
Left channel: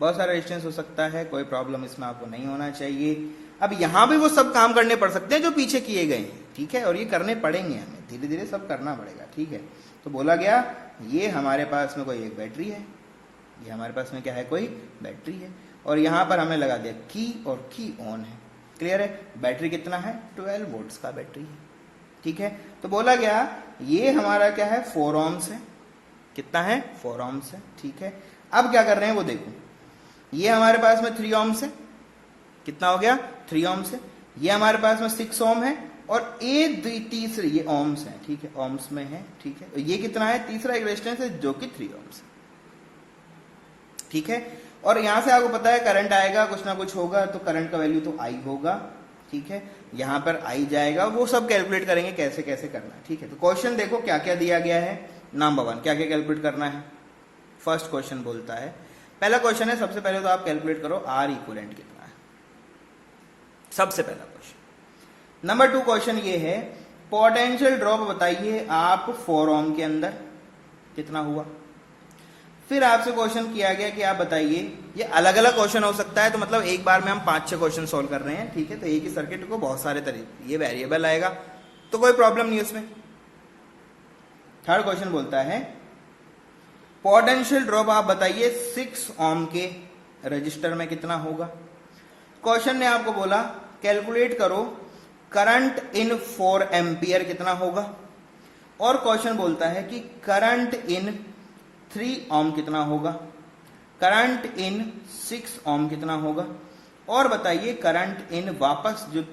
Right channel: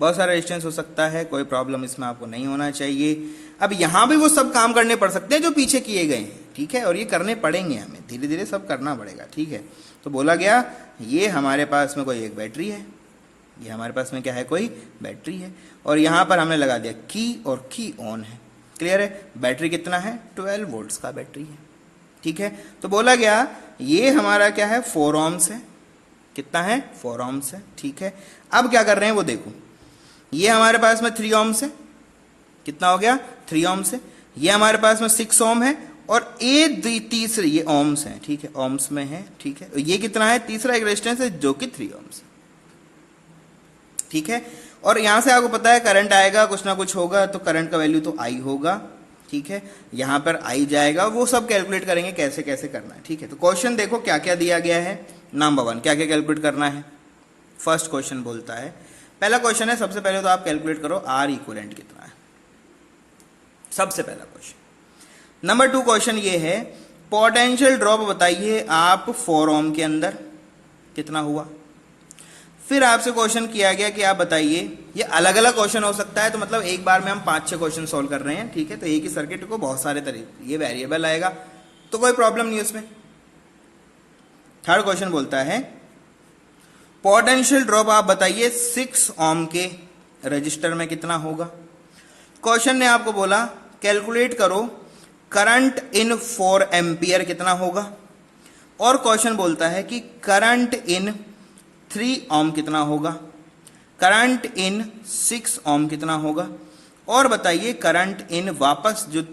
बहुत सारा रेजिस्टेंस हो सकता है, कोई प्रॉब्लम इसमें आपको नहीं होना चाहिए। अब यहाँ भी वो सब काम करने पड़ सकते हैं जो पीछे किए गए हैं, ठीक है, और ये करने पड़ेंगे, हमें धीरे धीरे सब करना पड़ेगा, ठीक है। तो बोला गया ये हमारे पास में कोई एक बैटरी है, ये हमारे पास में क्या है, कोई बैटरी है, और यहाँ पर हमने लगा दिया की, और की ऑन है। क्लियर है, बैटरी कितना है 12 वोल्ट्स का बैटरी है, ठीक है। तो बोला गया ये हमारा क्या है 4 ohms है, कितना है 4 ohms है, ठीक है। अब क्या कर रहे हैं वो देखो, ये हमारे पास में 3 ohms है, कितना हो गया 3 ohms है, ये हमारे पास में 6 ohm है, और ये तीसरे ये ohms है, ठीक है, ohms में है, ठीक है। ये कितना है, तीसरा एक रेजिस्टेंस है जो कि 3 ohms है, ठीक है। और यहां से आपको पता है करंट आएगा, कुछ ना कुछ होगा, तो करंट का वैल्यू तो आई होगा, ठीक है, यहां पर आई जाएगा, वो सब कैलकुलेट करेंगे कैसे कैसे करना है, ठीक है। तो क्वेश्चन देखो क्या क्या दिया गया है। नंबर 1 क्या क्या कैलकुलेट करना है, फर्स्ट क्वेश्चन बोलता है, पहला क्वेश्चन है, सबसे पहले तो आप कैलकुलेट करो आर इक्विवेलेंट कितना है, सबसे पहला क्वेश्चन। नंबर 2 क्वेश्चन ये है पोटेंशियल ड्रॉप बताइए आप 4 ohm के अंदर कितना हुआ। फिर आपसे क्वेश्चन किया गया कि आप बताइए, ये अलग अलग क्वेश्चन हो सकता है, तो मतलब एक बार में हम 5-6 क्वेश्चन सोल्व कर रहे हैं, ठीक है। तो एक ही सर्किट को बहुत सारे तरीके, ये वेरिएबल आएगा तो कोई प्रॉब्लम नहीं है उसमें। थर्ड क्वेश्चन बोलता है पोटेंशियल ड्रॉप आप बताइए 6 ohm के रजिस्टर में कितना होगा। क्वेश्चन ने आपको बोला कैलकुलेट करो करंट इन 4 एम्पियर कितना होगा, और क्वेश्चन बोलता है कि करंट इन 3 ohm कितना होगा, करंट इन 6 ohm कितना होगा, और बताइए करंट इन वापस जो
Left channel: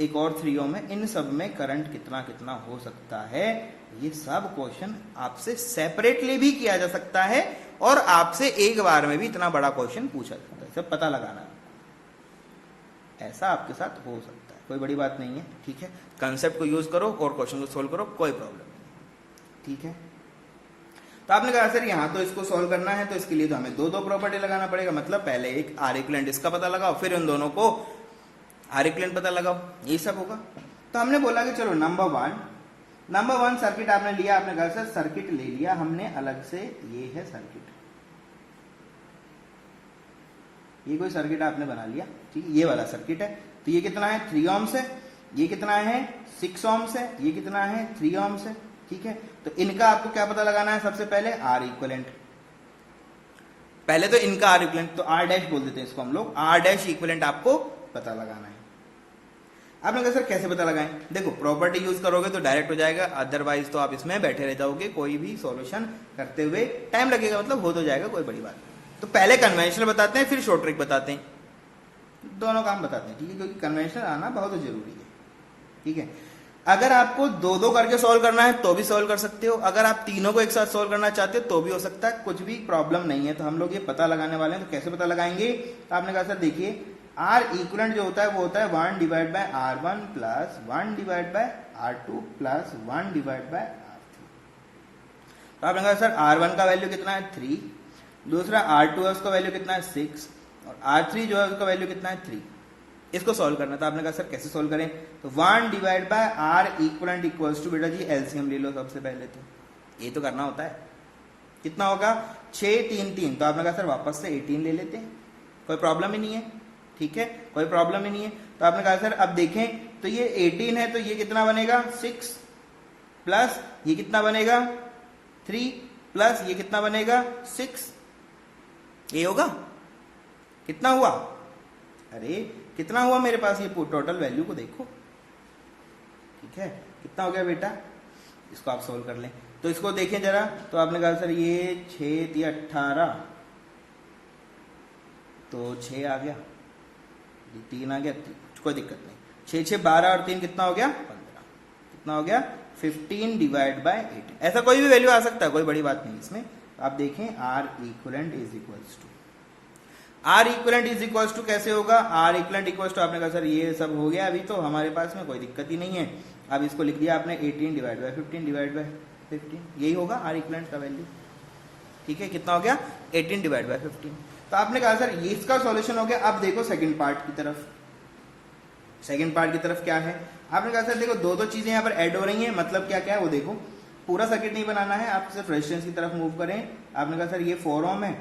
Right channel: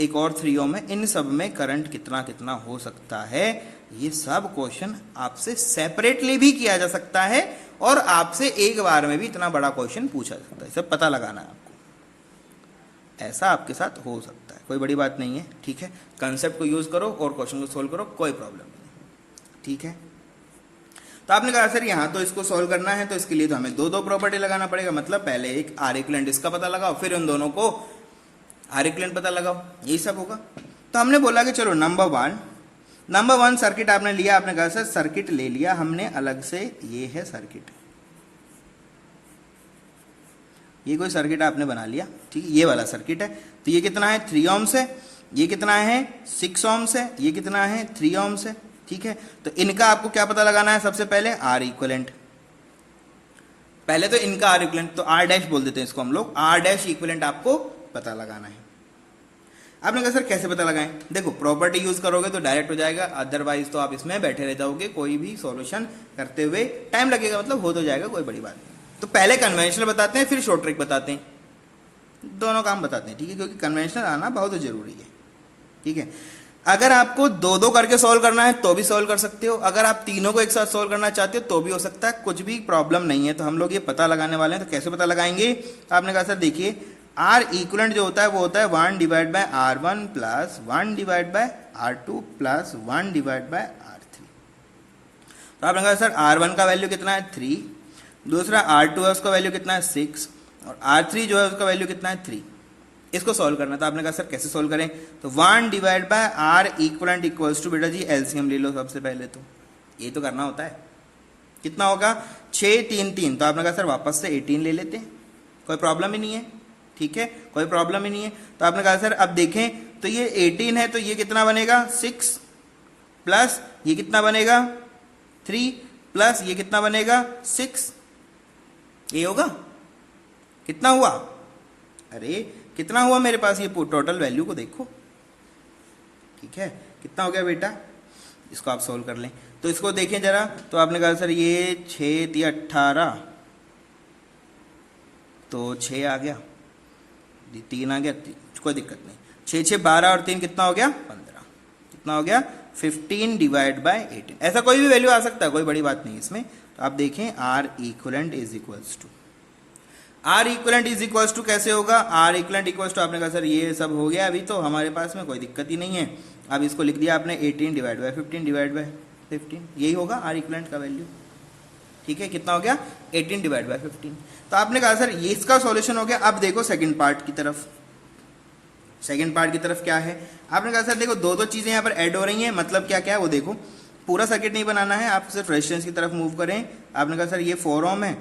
एक और 3 ओम है, इन सब में करंट कितना कितना हो सकता है। ये सब क्वेश्चन आपसे सेपरेटली भी किया जा सकता है और आपसे एक बार में भी इतना बड़ा क्वेश्चन पूछा जाता है। सब पता लगाना है आपको, ऐसा आपके साथ हो सकता है, कोई बड़ी बात नहीं है। ठीक है, कंसेप्ट को यूज करो और क्वेश्चन को सोल्व करो, कोई प्रॉब्लम नहीं। ठीक है, तो आपने कहा सर यहाँ तो इसको सॉल्व करना है तो इसके लिए तो हमें दो दो प्रॉपर्टी लगाना पड़ेगा, मतलब पहले एक आर इक्विवेलेंट इसका पता लगाओ, फिर उन दोनों को आर इक्विवेलेंट पता लगाओ, यही सब होगा। तो हमने बोला कि चलो नंबर वन सर्किट आपने लिया, आपने कहा सर सर्किट ले लिया हमने अलग से, ये है सर्किट, ये कोई सर्किट आपने बना लिया। ठीक है, ये वाला सर्किट है। तो ये कितना है 3 ओम्स है, ये कितना है 6 ओम्स है, ये कितना है 3 ओम्स है। ठीक है, तो इनका आपको क्या पता लगाना है, सबसे पहले आर इक्विवेलेंट, पहले तो इनका आर इक्विवेलेंट, तो आर डैश बोल देते हैं इसको हम लोग, आर डैश इक्विवेलेंट आपको पता लगाना है। आपने कहा सर कैसे पता लगाएं, देखो प्रॉपर्टी यूज करोगे तो डायरेक्ट हो जाएगा, अदरवाइज तो आप इसमें बैठे रह जाओगे, कोई भी सॉल्यूशन करते हुए टाइम लगेगा, मतलब हो तो जाएगा, कोई बड़ी बात नहीं। तो पहले कन्वेंशनल बताते हैं, फिर शॉर्ट ट्रिक बताते हैं, दोनों काम बताते हैं। ठीक है, क्योंकि कन्वेंशनल आना बहुत जरूरी है। ठीक है, अगर आपको दो दो करके सॉल्व करना है तो भी सॉल्व कर सकते हो, अगर आप तीनों को एक साथ सॉल्व करना चाहते हो तो भी हो सकता है, कुछ भी प्रॉब्लम नहीं है। तो हम लोग ये पता लगाने वाले हैं, तो कैसे पता लगाएंगे, आपने कहा सर देखिए आर इक्विवेलेंट जो होता है वो होता है 1 divide by R1 plus 1 divide by R2 plus 1 divide bye R3। तो आपने कहा सर R1 का वैल्यू कितना है 3, दूसरा R2 है उसका वैल्यू कितना है 6 और R3 जो है उसका वैल्यू कितना है 3। इसको सॉल्व करना था, आपने कहा सर कैसे सॉल्व करें, तो 1 divide by R equivalent equals to, बेटा जी एलसीएम ले लो सबसे पहले, तो ये तो करना होता है। कितना होगा 6 3 3, तो आपने कहा सर वापस से 18 ले लेते हैं, कोई प्रॉब्लम ही नहीं है। ठीक है, कोई प्रॉब्लम ही नहीं है। तो आपने कहा सर अब देखें तो ये 18 है, तो ये कितना बनेगा 6 प्लस ये कितना बनेगा 3 प्लस ये कितना बनेगा 6, ये होगा कितना हुआ, अरे कितना हुआ मेरे पास, ये टोटल वैल्यू को देखो। ठीक है, कितना हो गया बेटा, इसको आप सोल्व कर लें। तो इसको देखें जरा, तो आपने कहा सर ये 6 3 18, तो 6 आ गया, 3 आ गया, कोई दिक्कत नहीं, 6 6 12 और 3 कितना हो गया 15, कितना हो गया 15 डिवाइड बाय 18। ऐसा कोई भी वैल्यू आ सकता है, कोई बड़ी बात नहीं इसमें। तो आप देखें R equivalent is equals to, R equivalent is equals to कैसे होगा, आर इक्विवेलेंट इक्वल्स टू, आपने कहा सर ये सब हो गया अभी तो हमारे पास में कोई दिक्कत ही नहीं है। अब इसको लिख दिया आपने 18 डिवाइड बाय 15 डिवाइड बाय 15, यही होगा आर इक्विवेलेंट का वैल्यू। ठीक है, कितना हो गया 18 डिवाइड बाय 15। तो आपने कहा सर ये इसका सॉल्यूशन हो गया। अब देखो सेकंड पार्ट की तरफ, सेकंड पार्ट की तरफ क्या है, आपने कहा सर देखो दो दो चीजें यहाँ पर ऐड हो रही हैं, मतलब क्या क्या है वो देखो, पूरा सर्किट नहीं बनाना है, आप सिर्फ रेजिस्टेंस की तरफ मूव करें। आपने कहा सर ये 4 ओम है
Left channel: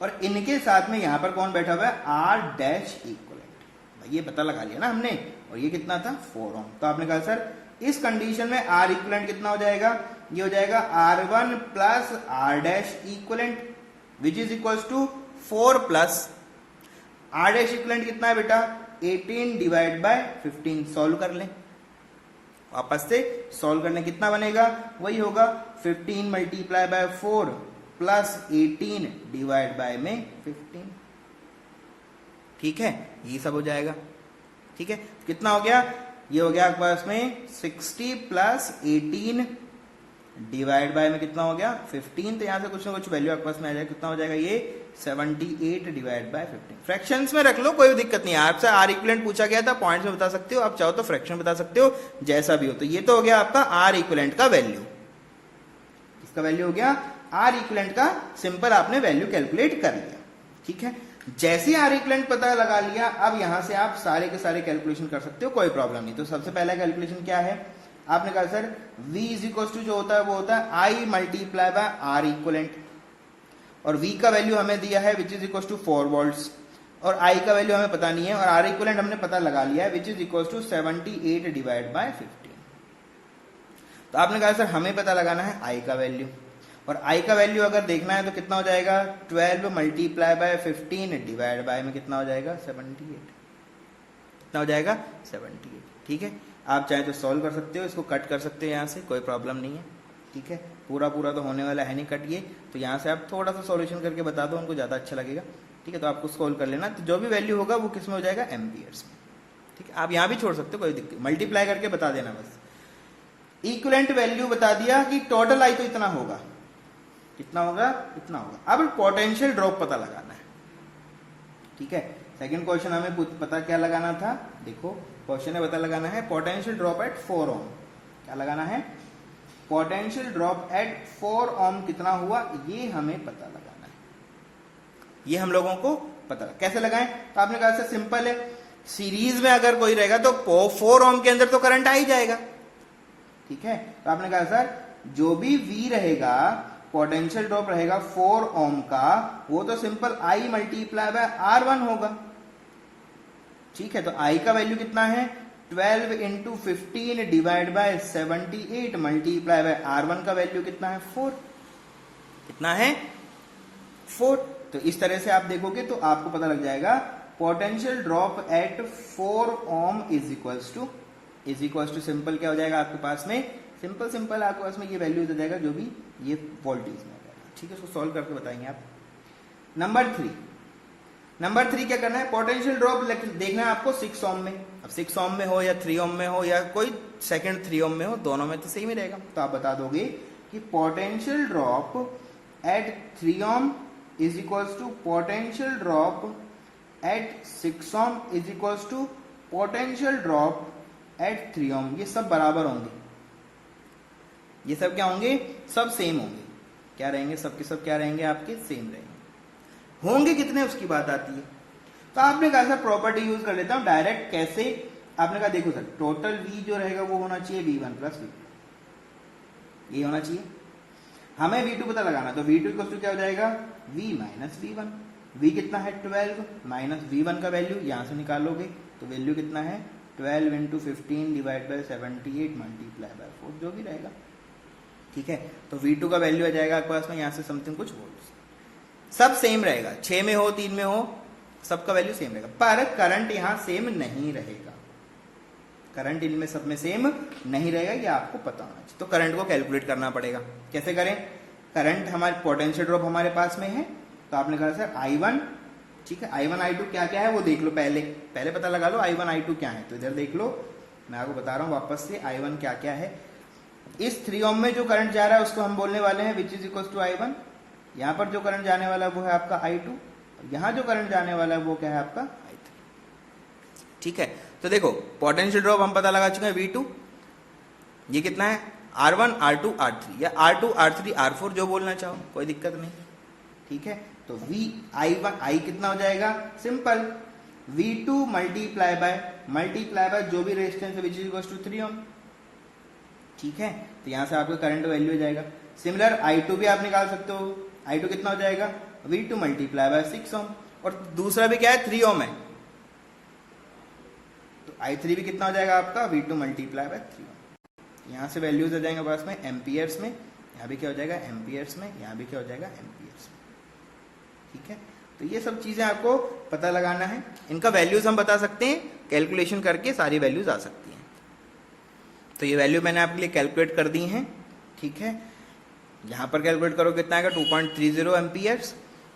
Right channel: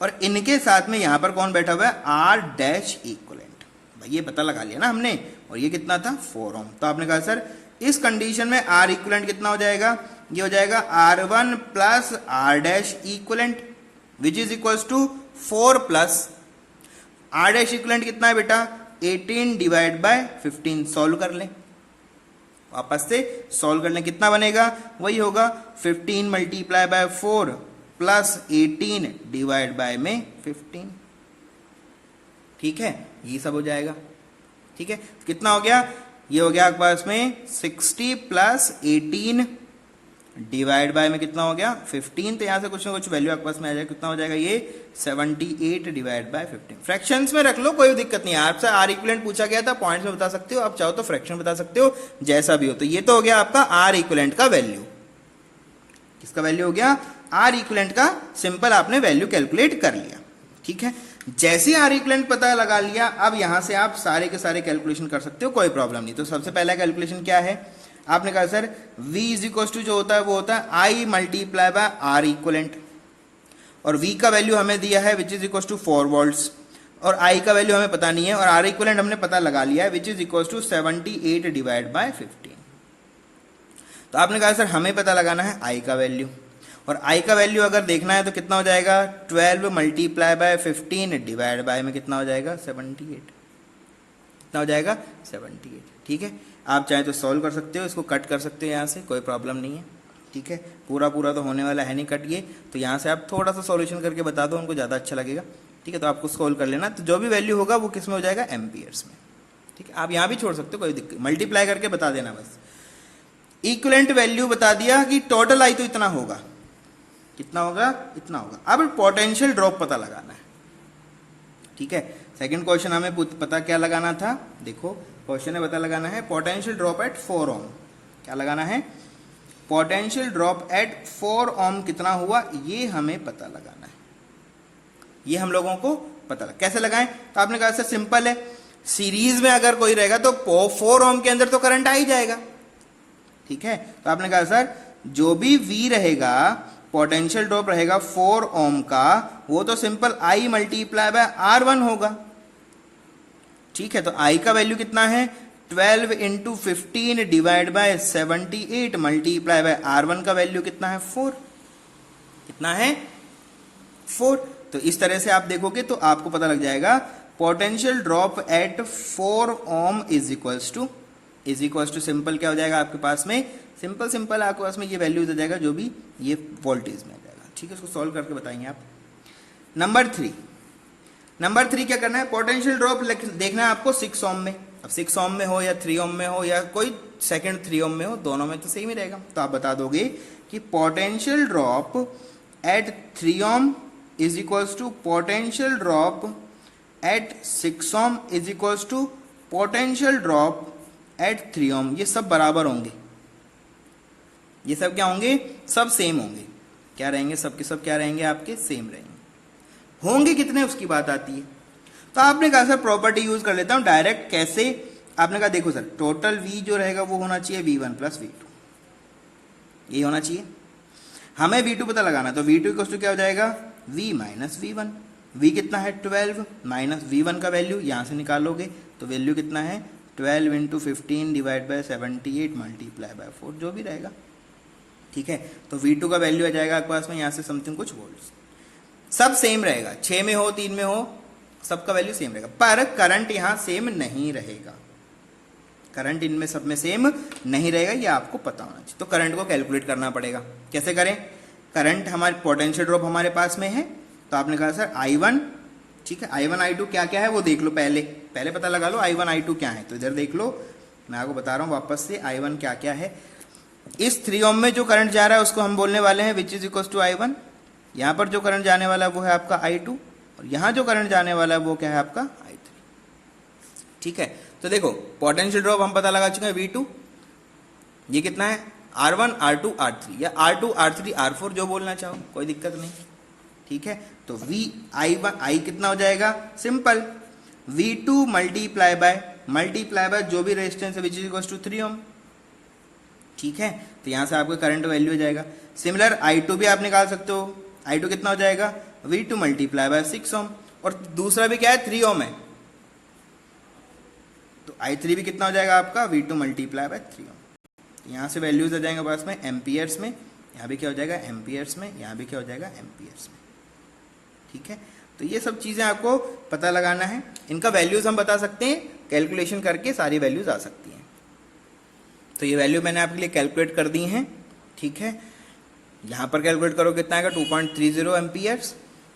और इनके साथ में यहाँ पर कौन बैठा हुआ है आर डैश इक्विवेलेंट, भाई ये पता लगा लिया ना हमने, और ये कितना था 4 ओम। तो आपने कहा सर इस कंडीशन में आर इक्विवेलेंट कितना हो जाएगा, ये हो जाएगा R1 plus R dash equivalent which is equals to 4 plus R dash equivalent कितना है बेटा 18 डिवाइड बाय 15। सॉल्व कर लें, वापस से सॉल्व कर लें, कितना बनेगा वही होगा 15 multiply by 4 plus 18 divide bye में 15। ठीक है, ये सब हो जाएगा। ठीक है, कितना हो गया, ये हो गया आपके पास में 60 प्लस 18 डिवाइड बाय में कितना हो गया 15। तो यहां से कुछ ना कुछ वैल्यू आपके पास में आ जाएगा, कितना हो जाएगा ये 78 डिवाइड बाय 15। फ्रैक्शंस में रख लो, कोई दिक्कत नहीं है। आपसे आर इक्विवेलेंट पूछा गया था, पॉइंट्स में बता सकते हो, आप चाहो तो फ्रैक्शन बता सकते हो, जैसा भी हो। तो ये तो हो गया आपका आर इक्विवेलेंट का वैल्यू, किसका वैल्यू हो गया आर इक्विवेलेंट का, सिंपल आपने वैल्यू कैलकुलेट कर लिया। ठीक है, जैसे आर इक्विवेलेंट पता लगा लिया, अब यहां से आप सारे के सारे कैलकुलेशन कर सकते हो, कोई प्रॉब्लम नहीं। तो सबसे पहला कैलकुलेशन क्या है, आपने कहा sir V is equal to जो होता है वो होता है I multiply by R equivalent, और V का वैल्यू हमें दिया है which is equal to 4 volts, और I का वैल्यू हमें पता नहीं है, और आर इक्विवेलेंट हमने पता लगा लिया है which is equal to 78 divide by 15। तो आपने कहा सर हमें पता लगाना है I का वैल्यू, और I का वैल्यू अगर देखना है तो कितना हो जाएगा 12 मल्टीप्लाई बाय 15 डिवाइड बाय में कितना हो जाएगा 78, कितना हो जाएगा 78। ठीक है, आप चाहे तो सॉल्व कर सकते हो, इसको कट कर सकते हो यहाँ से, कोई प्रॉब्लम नहीं है। ठीक है, पूरा पूरा तो होने वाला है नहीं कट ये, तो यहाँ से आप थोड़ा सा सॉल्यूशन करके बता दो, उनको ज़्यादा अच्छा लगेगा। ठीक है, तो आपको सोल्व कर लेना। तो जो भी वैल्यू होगा वो किस में हो जाएगा, एम्पियर्स में। ठीक है, आप यहाँ भी छोड़ सकते हो, कोई दिक्कत, मल्टीप्लाई करके बता देना बस। इक्विवेलेंट वैल्यू बता दिया कि टोटल आई तो इतना होगा, कितना होगा, इतना होगा। अब पोटेंशियल ड्रॉप पता लगाना है। ठीक है, सेकंड क्वेश्चन हमें पता क्या लगाना था, देखो क्वेश्चन में पता लगाना है पोटेंशियल ड्रॉप एट 4 ओम। क्या लगाना है, पोटेंशियल ड्रॉप एट 4 ओम कितना हुआ, ये हमें पता लगाना है। ये हम लोगों को पता लगा, कैसे लगाएं, तो आपने कहा सर सिंपल है, सीरीज में अगर कोई रहेगा तो 4 ओम के अंदर तो करंट आ ही जाएगा। ठीक है, तो आपने कहा सर जो भी V रहेगा, पोटेंशियल ड्रॉप रहेगा 4 ओम का, वो तो simple I multiply by R1 होगा। ठीक है, तो I का वैल्यू कितना है, 12 into 15 divide by 78 multiply by R1 का वैल्यू कितना है, 4। कितना है, 4। तो इस तरह से आप देखोगे तो आपको पता लग जाएगा potential drop at 4 ohm is equals to simple क्या हो जाएगा आपके पास में, सिंपल आपके पास में ये वैल्यू हो जाएगा जो भी ये वोल्टेज में हो जाएगा। ठीक है, इसको सॉल्व करके बताएंगे आप। नंबर 3 क्या करना है, पोटेंशियल ड्रॉप देखना है आपको 6 ओम में। अब 6 ओम में हो या 3 ओम में हो या कोई सेकंड 3 ओम में हो, दोनों में तो सेम ही रहेगा। तो आप बता दोगे कि potential drop at 3 ohm is equals to potential drop at 6 ohm is equals to potential drop at 3 ohm. ये सब बराबर होंगे, ये सब क्या होंगे, सब सेम होंगे। क्या रहेंगे, सब के सब क्या रहेंगे, आपके सेम रहेंगे। होंगे कितने उसकी बात आती है, तो आपने कहा सर प्रॉपर्टी यूज कर लेता हूं डायरेक्ट। कैसे, आपने कहा देखो सर टोटल V जो रहेगा वो होना चाहिए V1 प्लस V2, ये होना चाहिए। हमें V2 पता लगाना है, तो V2 इक्वल टू क्या हो जाएगा, V माइनस V1। V कितना है 12 माइनस V1 का वैल्यू यहां से निकालोगे तो वैल्यू कितना है 12 into 15 divide by 78 multiply by 4 जो भी रहेगा। ठीक है, तो V2 का वैल्यू आ जाएगा आपके पास में यहाँ से समथिंग कुछ वोल्ट्स। सब सेम रहेगा, 6 में हो 3 में हो सबका वैल्यू सेम रहेगा, पर करंट यहाँ सेम नहीं रहेगा। करंट इनमें सब में सेम नहीं रहेगा, ये आपको पता होना चाहिए। तो करंट को कैलकुलेट करना पड़ेगा। कैसे करें, करंट हमारे पोटेंशियल ड्रॉप हमारे पास में है, तो आपने कहा सर I1, ठीक है, I1 I2 क्या क्या है वो देख लो, पहले पता लगा लो I1 I2 क्या है। तो इधर देख लो, मैं आपको बता रहा हूँ वापस से I1 क्या क्या है। इस 3 ओम में जो करंट जा रहा है उसको हम बोलने वाले हैं विच इज इक्वल टू I1। यहाँ पर जो करंट जाने वाला है वो है आपका I2, और यहाँ जो करंट जाने वाला है वो क्या है आपका I3। ठीक है, तो देखो पोटेंशियल ड्रॉप हम पता लगा चुके हैं V2, ये कितना है R1 R2 R3 या R2 R3 R4 जो बोलना चाहो, कोई दिक्कत नहीं। ठीक है, तो I कितना हो जाएगा, सिंपल V2 मल्टीप्लाई बाय जो भी रेजिस्टेंस है विच इज इक्वल टू 3 ओम। ठीक है, तो यहां से आपको करंट वैल्यू हो जाएगा। सिमिलर I2 भी आप निकाल सकते हो, I2 कितना हो जाएगा V2 मल्टीप्लाई बाय 6 ओम, और दूसरा भी क्या है 3 ओम है, तो I3 भी कितना हो जाएगा आपका V2 मल्टीप्लाई बाय 3 ओम। यहां से वैल्यूज आ जाएंगे पास में एम्पियर्स में, यहाँ भी क्या हो जाएगा एम्पियर्स में, यहाँ भी क्या हो जाएगा एम्पियर्स में। ठीक है, तो ये सब चीजें आपको पता लगाना है। इनका वैल्यूज हम बता सकते हैं, कैलकुलेशन करके सारी वैल्यूज आ सकती हैं। तो ये वैल्यू मैंने आपके लिए कैलकुलेट कर दी हैं। ठीक है, यहाँ पर कैलकुलेट करो कितना आएगा 2.30 एम्पियर्स,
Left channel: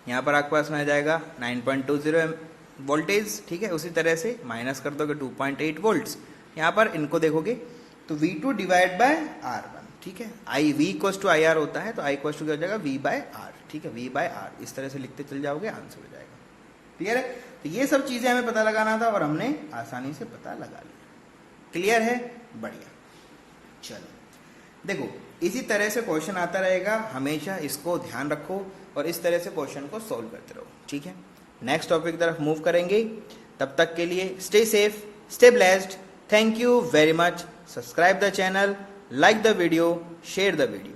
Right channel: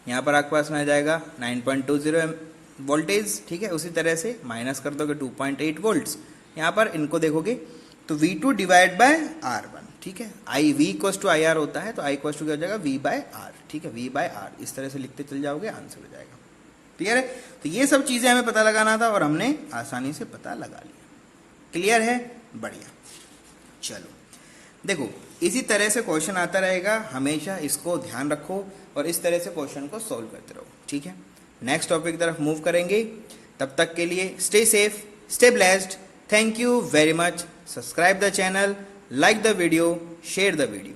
यहाँ पर आपके पास में आ जाएगा 9.20 वोल्टेज। ठीक है, उसी तरह से माइनस कर दोगे 2.8 वोल्ट्स। यहाँ पर इनको देखोगे तो V2 डिवाइड बाय R1। ठीक है, V इक्वल्स टू IR होता है, तो I इक्वल्स टू क्या हो जाएगा V बाय R। ठीक है, V बाय R इस तरह से लिखते चल जाओगे, आंसर हो जाएगा। क्लियर है, तो ये सब चीजें हमें पता लगाना था और हमने आसानी से पता लगा लिया। क्लियर है, बढ़िया। चलो देखो, इसी तरह से क्वेश्चन आता रहेगा, हमेशा इसको ध्यान रखो और इस तरह से क्वेश्चन को सॉल्व करते रहो। ठीक है, नेक्स्ट टॉपिक की तरफ मूव करेंगे, तब तक के लिए stay safe, stay blessed. Thank you very much. Subscribe the channel, like the video, share the video.